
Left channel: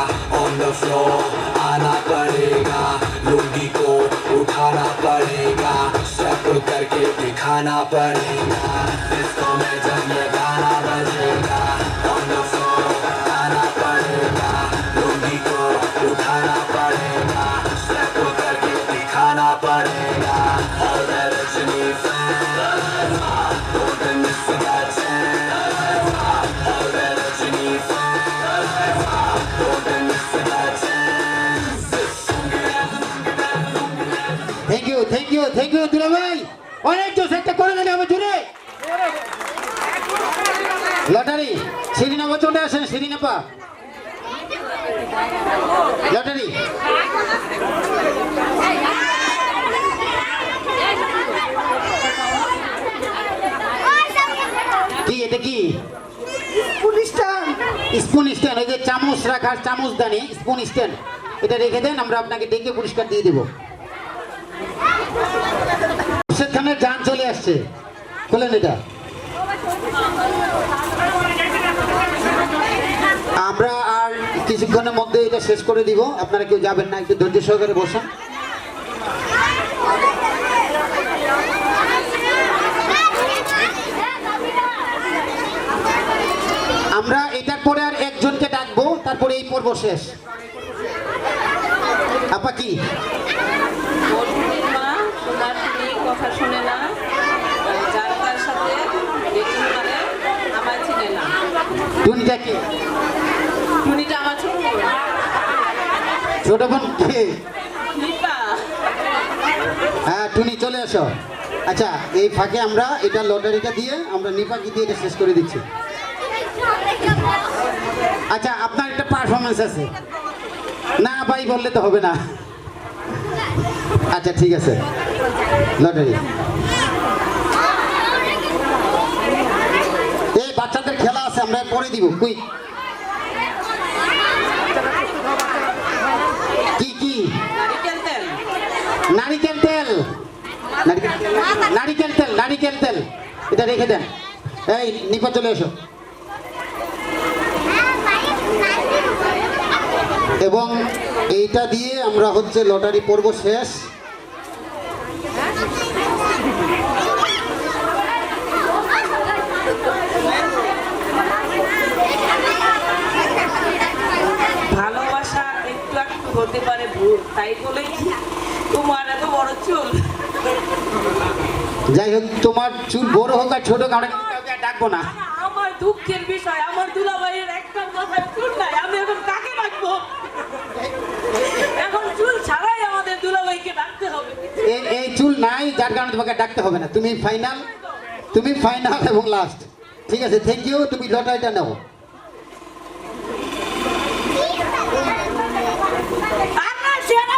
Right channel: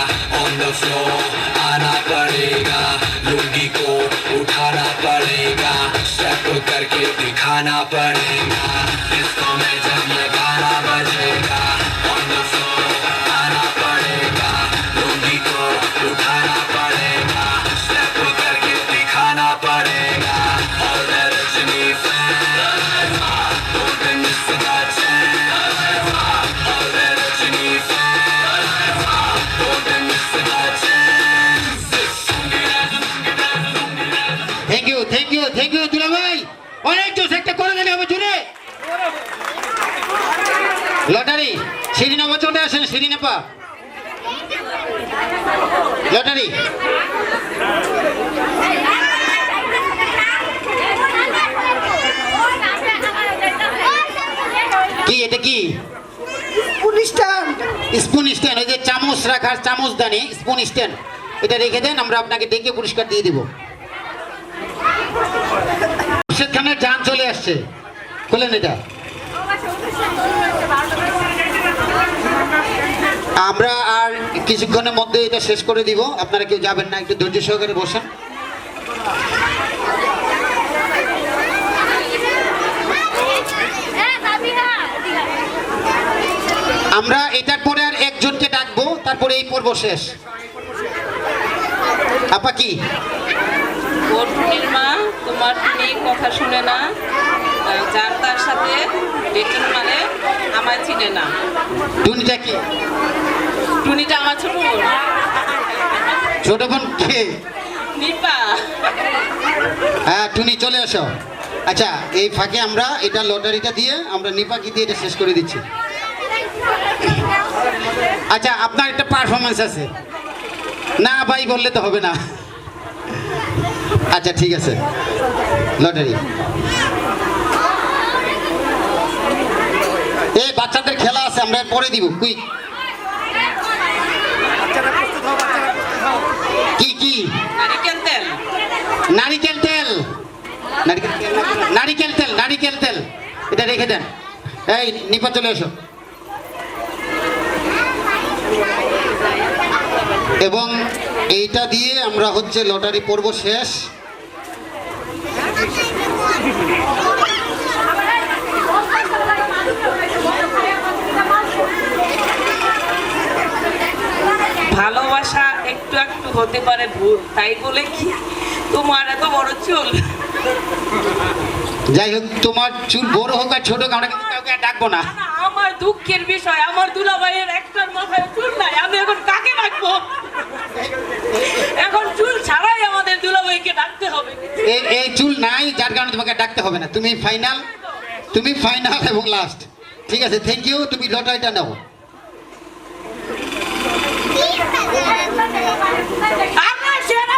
ऑन द फ्लोर आना पड़ेगा, लुंगी को उठाना पड़ेगा, करके दिखाना पड़ेगा डिस्को में जब ये गाना बजेगा on the floor आना पड़ेगा लुंगी को उठाना पड़ेगा स्टेप करके दिखाना पड़ेगा और Rajni don't miss that chance और Rajni don't miss that chance thank you দুলা ভাই অনেক জোস একটা করে দেন আমার জুড়ে লটারি সিরিনা বচনটা আসেন সিরিনা পা লটারি কি এটা কি স্পুন স্ট্যান্ড ওই যে চামচ রাখার চামচদানি স্পুন স্ট্যান্ড এটা রেখে দেন আমরা আপনাকে ডেকে পুরস্কার দিয়ে দেবো মুর্শেদ খানের জান চলে আসছে বলেন এটা আমরা আর কিছুক্ষণের মধ্যে এটা শেষ করে দিব আপনারা কেউ যাবেন না একটু ধৈর্য সহকারে বসেন আমরা এটার পরে আর একজনকে ডাকবো তারপরে এই পর্ব শেষ আপা কি টুনির মা তোমার টুনি কথা শুনে না যার তার সাথে ডেটিং মানে আমার চিনে না টুনিটা কি টুনিটা আমার ছোট বোন ছোট বোন কে নিপা হ্যাঁ টুনি চলে আসো আচ্ছা এই ফাঁকে আমরা এটা লটারিটা দিয়ে আমরা নিপাকি দিয়ে এটা শেষ করে দিচ্ছি আচ্ছা আপনার একটা পারফরমেন্স আছে না ভাই বললে তো হবে না আচ্ছা ঠিক আছে লটারি এই বাচ্চাদের খেলা আছে আমরা পরে দিব কুইক কি কি নারিকেল তেল নারিকেল তেল নারিকেল তেল এটা রেখে দেন এই নিপা চলে এসো এবং এইটা দিয়ে আমরা হচ্ছে লটারি পর্ব শেষ ভালোবাসা একটু একটু হতে পারে ভুল তাই বলে কি তোমার এত বড় চুল যাই হোক তোমার চুল বড় হোক আর ছোট হোক আমরা কিন্তু কাউকে আর ডাকবো না না, আমার দুঃখের বিষয় আমার দুলাভাইয়ের একটার মাথায় চুল নাই আমি এখন কাকে ডাকবো এখন চুল ছাড়াই আমাদের দুলাভাইকে ডাকতে হবে এই চুল নাই যার কারণে তোমাকে ডাকতে হবে না তুমি ফাইনাল এবং লাস্ট ঠিক আছে থ্যাংক ইউ তুমি লটারিটা নাও আমার সেরা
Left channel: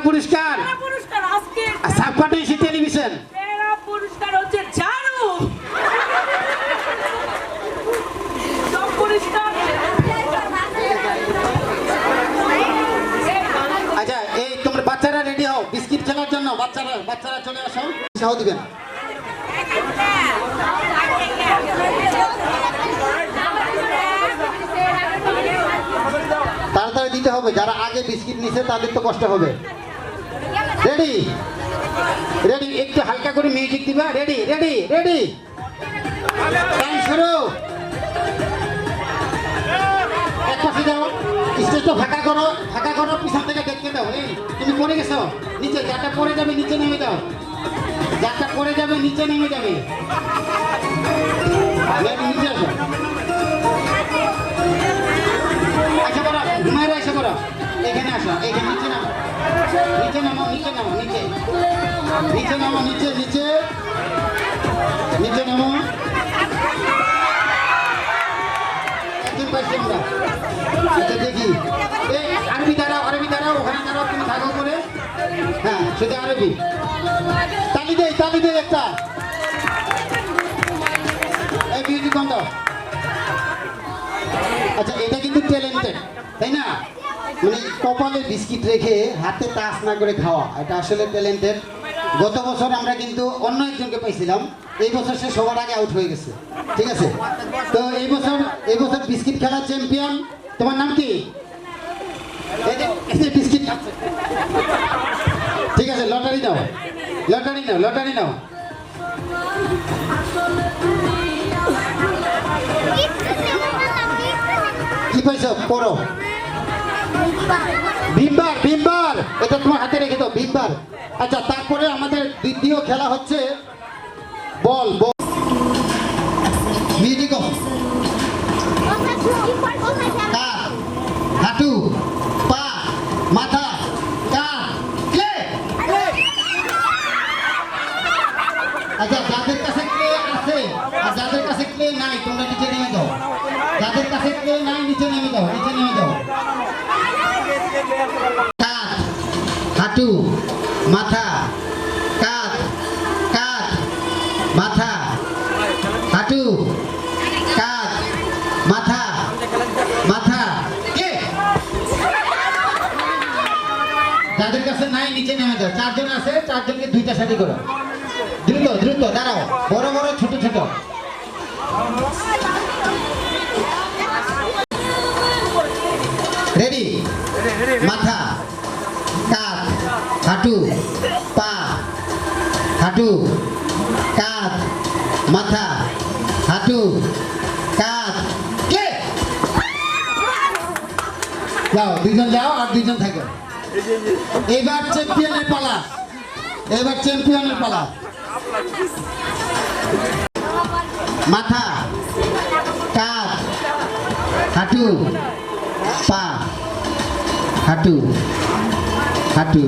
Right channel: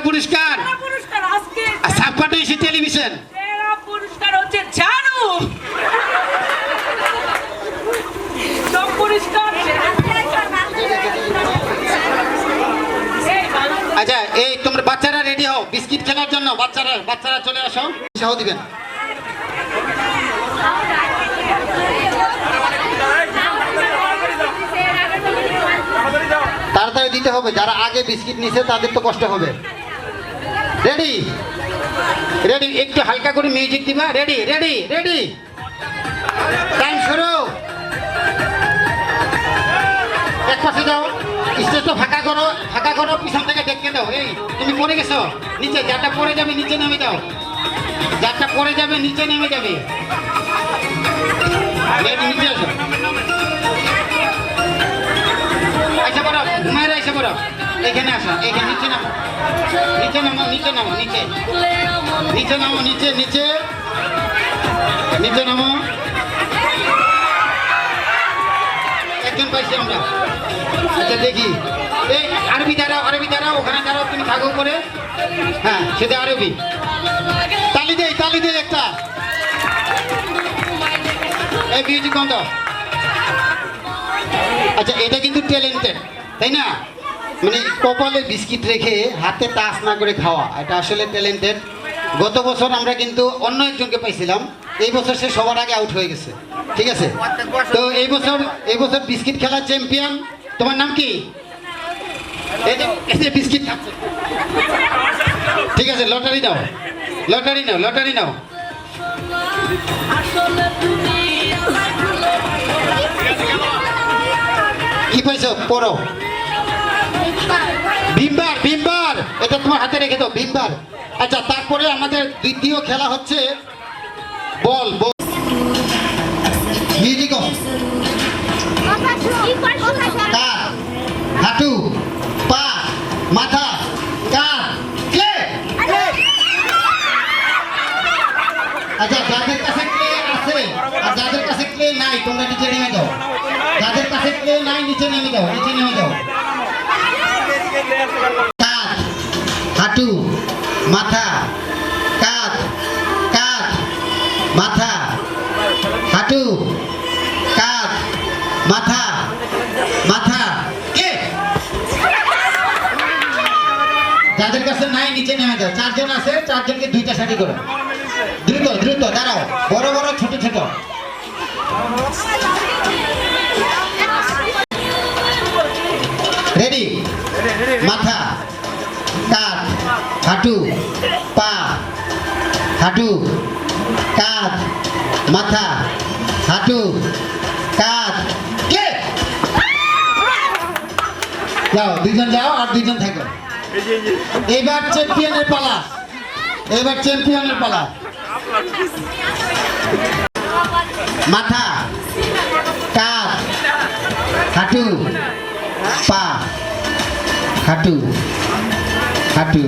পুরস্কার আজকে সাবপাটো এসে টেলিভিশন সেরা পুরস্কার হচ্ছে ঝাড়ু সব পুরস্কার আচ্ছা এই তোমরা বাচ্চারা রেডি হও বিস্কিট খেলার জন্য বাচ্চারা চলে আসো উৎসাহ দিবেন তাড়াতাড়ি দিতে হবে যারা আগে বিস্কিট নিছে তাদের তো কষ্ট হবে রেডি একটু হালকা করে মিউজিক দিবা রেডি টাইম শুরু এক পাশে যাও স্টেজটা ফাঁকা করো পিছন থেকে দেখতে দাও এই তুমি পড়ে গেছো নিচে যারটা পড়ে যাবে নিচে নেমে যাও নিচে নেমে যাবে নিচে আসো এসে পড়ো এখানে আসো এখানে নিচে নামো একজন পাইছি আমরা আচ্ছা দেখি এই আরবি দাঁড়াও ওখানে দাঁড়াও তুমি থাকো করে হ্যাঁ সেটা আরবি তালি দেই একটা এই মিউজিক বন্ধ আচ্ছা এটা কিন্তু ট্যালেন্টেড তাই না মানে কপালে বিস্কিট রেখে হাতে টাচ না করে খাওয়া এটা আসলে ট্যালেন্টেড গত বছর আমরা কিন্তু অন্য একজনকে পাইছিলাম এই বছর সে সবার আগে আউট হয়ে গেছে ঠিক আছে তো এই বছর বিস্কিট খেলার চ্যাম্পিয়ন তোমার নাম কি এই যে বিস্কিট খাচ্ছে ঠিক আছে লটারি দাও লটারি নাও, লটারি নাও। কি পাইছো পড়ো। ভীমবার, ভীমবার, এটা তোমার হাতে রেখে দাও, ভীমবার। আচ্ছা, তারপরে আমাদের দ্বিতীয় খেলা হচ্ছে বল। Music of. কাঁধ, হাঁটু, পা, মাথা, কাঁধ, ক্লে। আচ্ছা, যাদের কাছে ক্লে আছে আর যাদের কাছে ক্লে নাই তোমরা নিচে নেমে যাও। যাদের কাছে ক্লে নাই নিচে নেমে যাও, নিচে নেমে যাও। কাঁধ, হাঁটু, মাথা, কাঁধ, কাঁধ, মাথা, হাঁটু, কাঁধ, মাথা, মাথা, কে? যাদের কাছে নাই নিচে নেমে যাও। 4 জন আছে, 4 জনকে 2টা সারি করো। দ্রুত দ্রুত দাঁড়াও, বড় বড় ছোট ছোট। রেডি? মাথা, কাঁধ, হাঁটু, পা, হাঁটু, কাঁধ, মাথা, হাঁটু, কাঁধ, কে? যাও, 2 জন যাও আর 2 জন থাকো। এবার চ্যাম্পিয়নের পালা, এবার চ্যাম্পিয়নের পালা। মাথা, কাঁধ, হাঁটু, পা, হাঁটু, হাঁটু,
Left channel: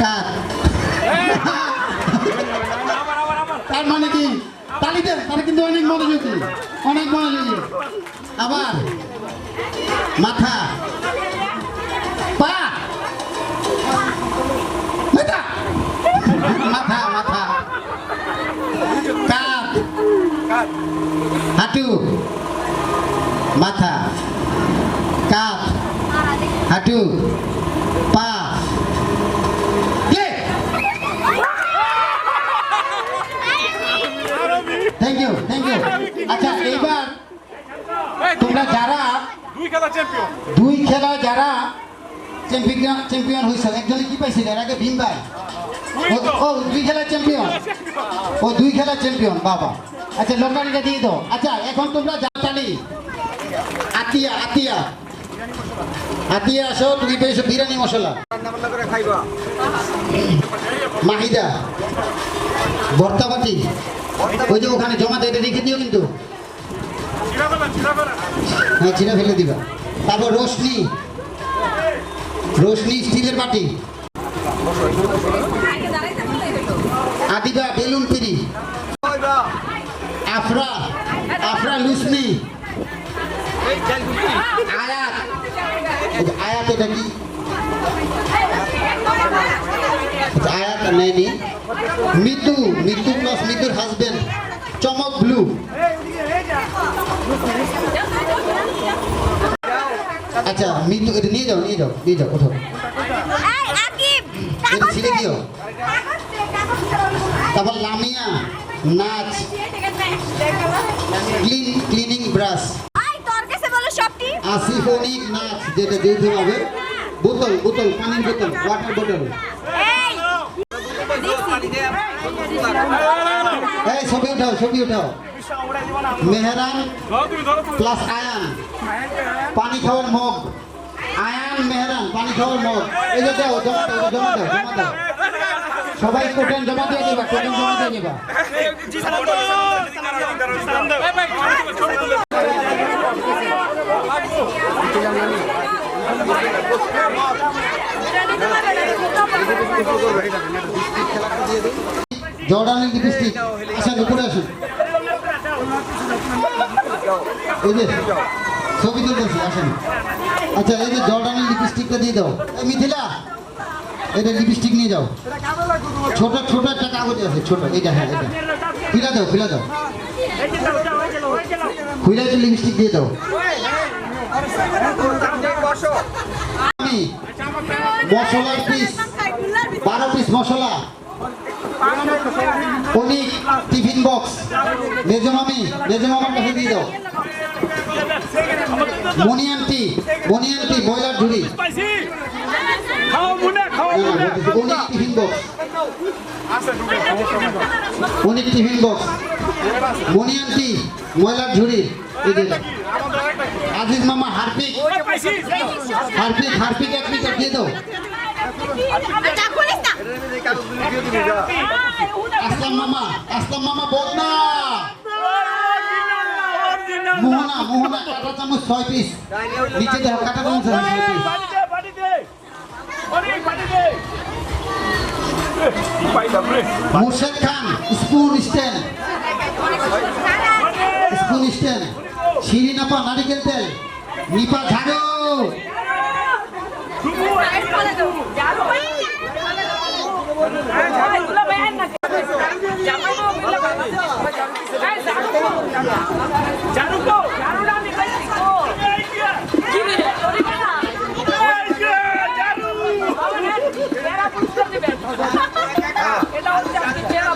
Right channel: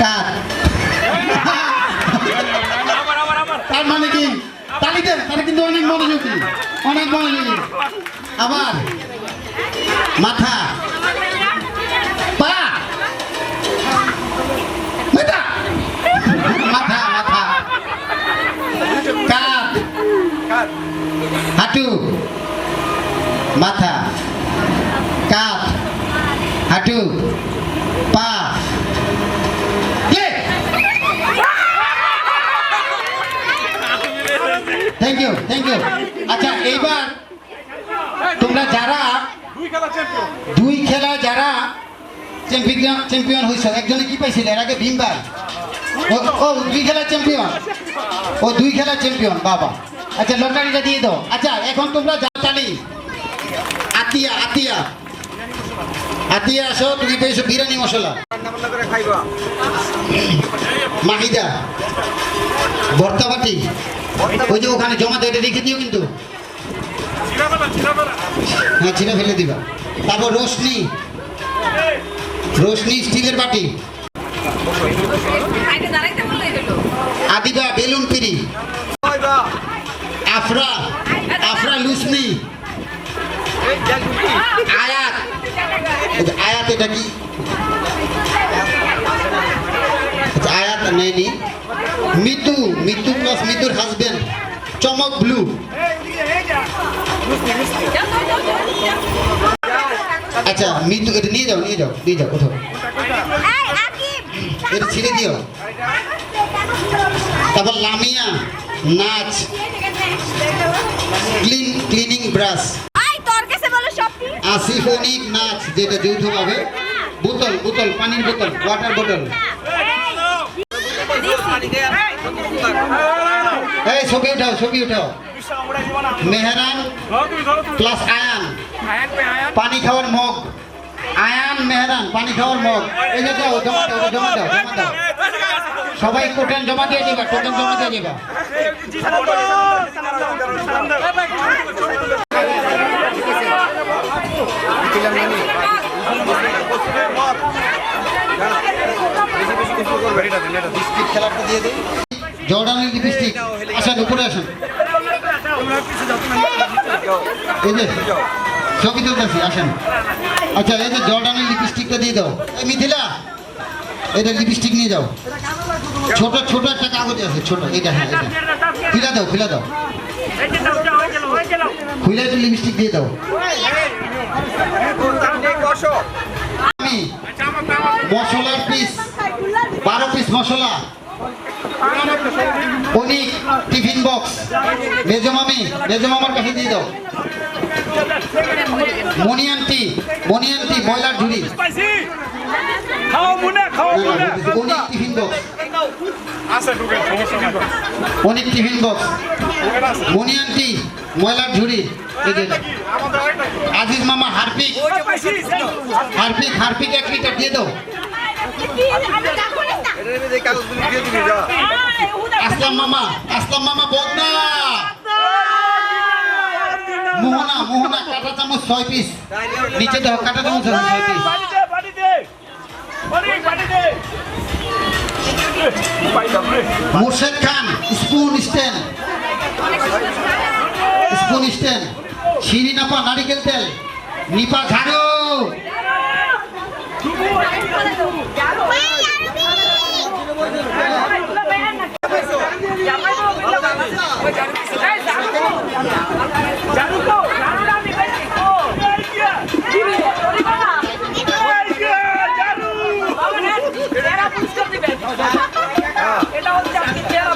কাঁধ। তার মানে কি? তালি দেন, তারা কিন্তু অনেক মনোযোগী, অনেক মনোযোগী। আবার মাথা, পা, মাথা, মাথা, মাথা, কাঁধ, হাঁটু, মাথা, কাঁধ, হাঁটু, পা, থ্যাংক ইউ, থ্যাংক ইউ। আচ্ছা, এইবার তোমরা যারা 2 খেলা যারা চ্যাম্পিয়ন হয়েছে, একজনে কি পাইছিল এর আগে? ভীম ভাই। ও 2 খেলা চ্যাম্পিয়ন, ও 2 খেলা চ্যাম্পিয়ন, বাবা। আচ্ছা, লটারিটা দিয়ে দাও। আচ্ছা, এখন তোমরা জাপালি আতিয়া, আতিয়া, আতিয়া আসো। তুমি পেয়েছো বিরিয়ানি মশলা। মাহিদা ভর্তা বাটি, ওই যে ওখানে জমা দিয়ে রেখে দিও কিন্তু। হ্যাঁ, ছিঁড়া ফেলে দিবা। তারপর রোশনি, রোশনি স্টিলের বাটি। আদিবা বেলুন পিরি। আফরা, আফরা লুসনি। আয়াত, আয়াত এটা কি? আয়াত নেই। মিতু, মিতু প্লাস মিতুর হাজবেন্ড চমক ব্লু। আচ্ছা, মিতু এটা নিয়ে যাও, নিয়ে যাও, নিয়ে যাও, ওঠো। এটা ছিঁড়ে দিও। তারপর লামিয়া নাচ, ক্লিনিং ব্রাশ। আসিফনিক নাচ, যেটা যৌথ হবে। বোতল, বোতল, পানির বোতল, ওয়াটার বোতল। এই ছবি উঠাও, ছবি উঠাও। মেহরান প্লাস আয়ান, পানি খাওয়ার মগ। আয়ান, মেহরান, পানি খাওয়ার মগ। এই যে দাও, জমা দাও, জমা দাও, জমা দাও। সবাই টোটেল জমা দিয়ে দিবা, টোটেল জমা দিয়ে দিবা। জর্ডানের লিপস্টিক। আসেন, উপরে আসেন। এই যে ছবি তুলতেছি, আসেন। আচ্ছা, এই যে জর্ডানের লিপস্টিকটা দিয়ে দাও। এই মিথিলা, এটা লিপস্টিক নিয়ে যাও। ছোট ছোট একটা কাগজ আছে, ছোট। এটা, হ্যাঁ, এটা খুলে দাও, খুলে দাও, খুলে একটু লিপস্টিক দিয়ে দাও। আমি মশলার পিস 12 পিস মশলা। অনিক টিফিন বক্স। মেজমামি, মেজমামার কাছে দিয়ে দাও। মনিয়ান্টি, মনিয়ান্টি ব্রয়লার ঝুড়ি। অনিক টিফিন বক্স। আছে ঢুকে সমস্যা নাই অনেক টিফিন বক্স ঢুকেন আছে মনি আন্টি ময়লার ঝুড়ি এই যে এটা কি আমাদের আরেকটা কি আজিজ মামা হারপিক হারপিক 1 লিটার দিয়ে দাও আসলাম মামা বদনা মোহনা কাটা চামচ 6 পিস নিচে দাও কাটা চামচ 6 পিস মুর্শেদ খান স্পুন স্ট্যান্ড শিরিন আপা নারিকেল তেল নিপা ঝাড়ু এটা হচ্ছে আপনি চেহারা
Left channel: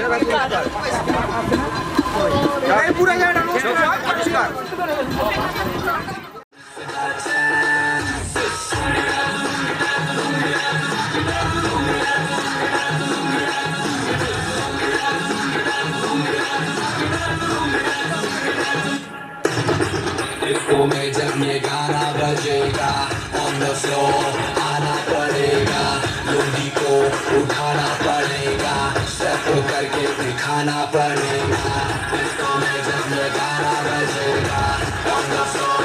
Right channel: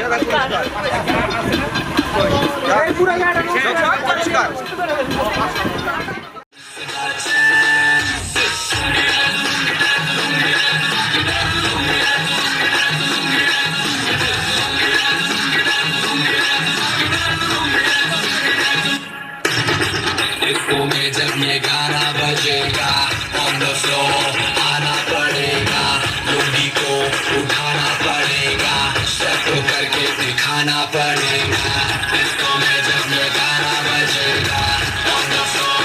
পুরস্কার डिस्को में जब ये गाना बजेगा ऑन द फ्लोर आना पड़ेगा लुंगी को उठाना पड़ेगा स्टेप करके दिखाना पड़ेगा डिस्को में जब ये गाना बजेगा ऑन द फ्लोर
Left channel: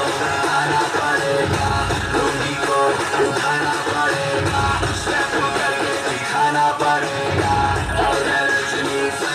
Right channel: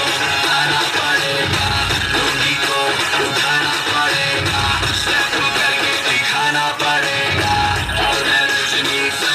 आना पड़ेगा लुंगी को उठाना पड़ेगा स्टेप करके दिखाना पड़ेगा और रजनी से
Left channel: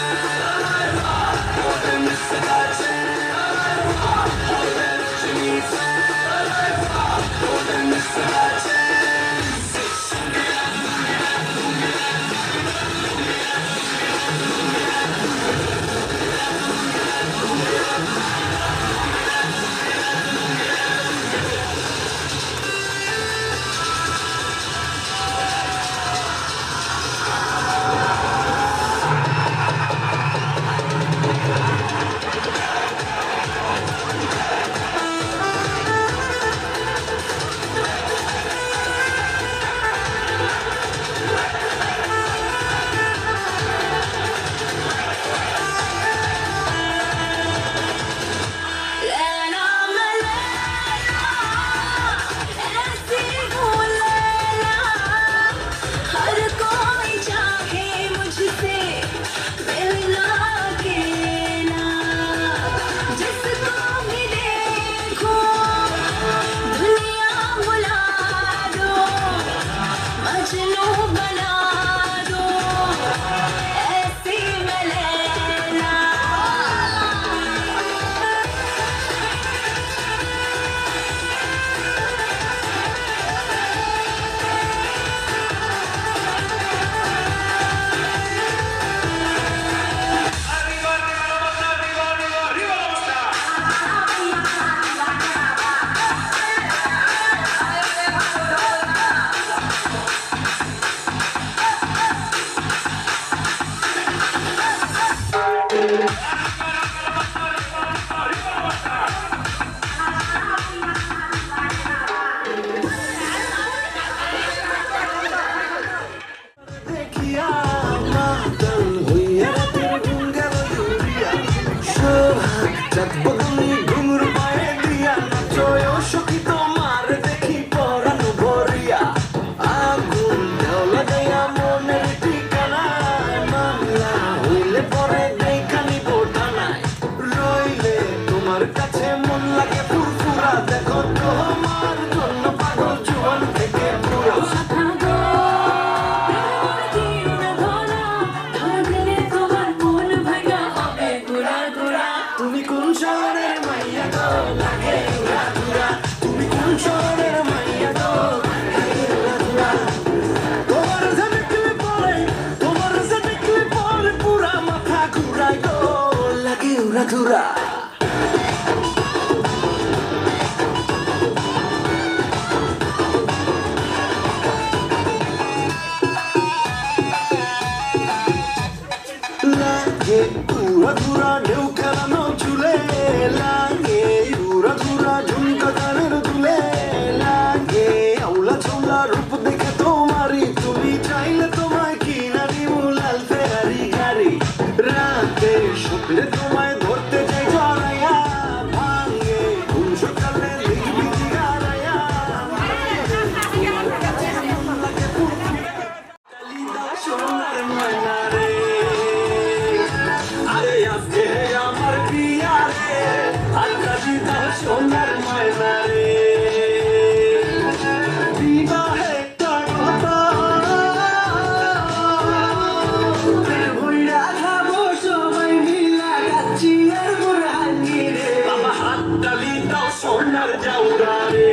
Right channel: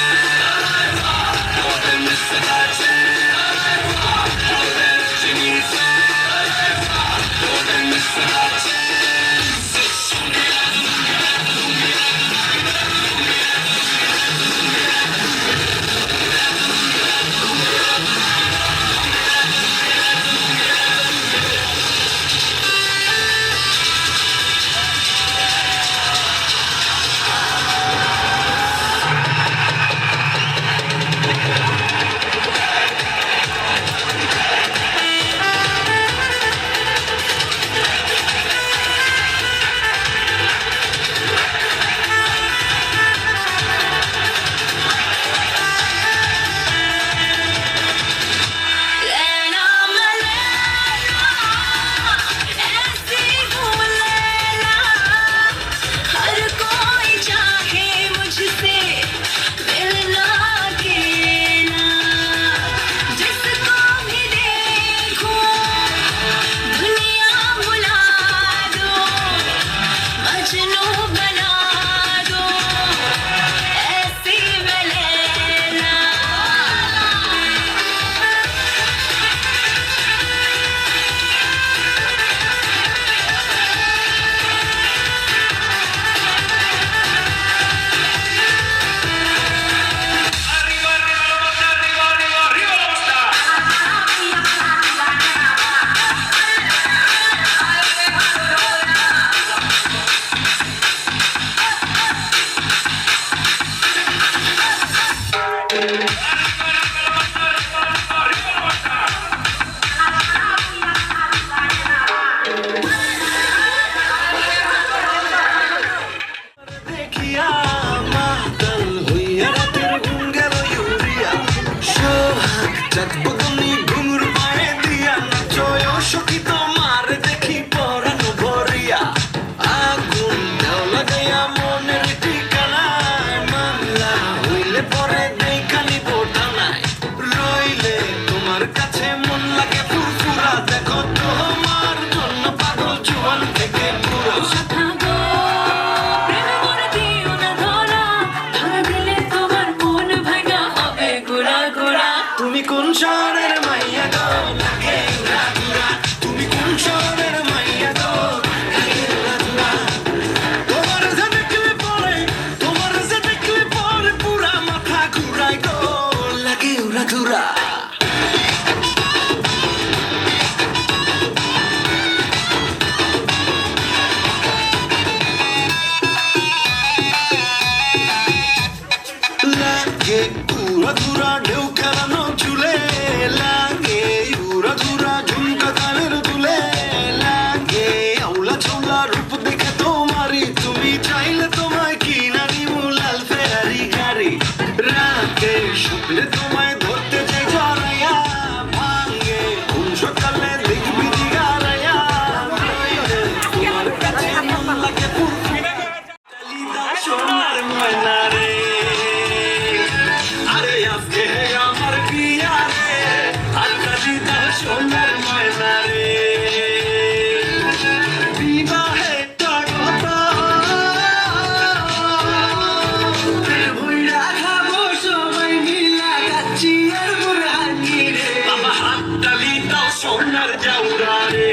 সোনার বুড়ানি রে বাবা হাত তালি দাও সোনার জাউরা রে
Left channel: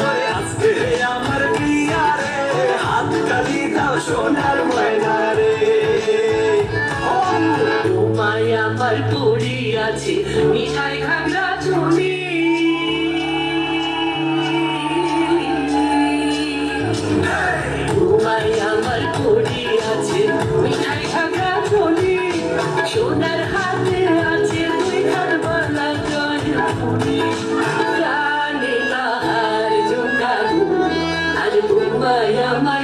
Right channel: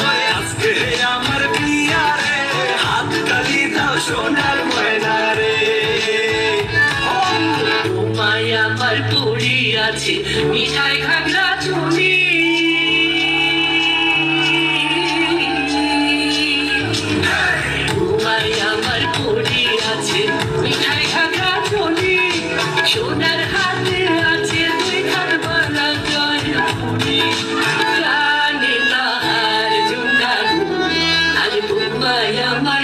ওরে আজকে আমার বিয়া রে হাত তালি দাও সোনার ময়না রে তোমায় আমার পড়ি আছে মিঠাই খাগড়া চুনি তোমায় আমার পড়ি আছে মিঠাই খাগড়া চুনি সোনার হাতে আছে দুই খান বালা জয়পুরি জানি না আর জুঙ্গার আর তোমায় আমার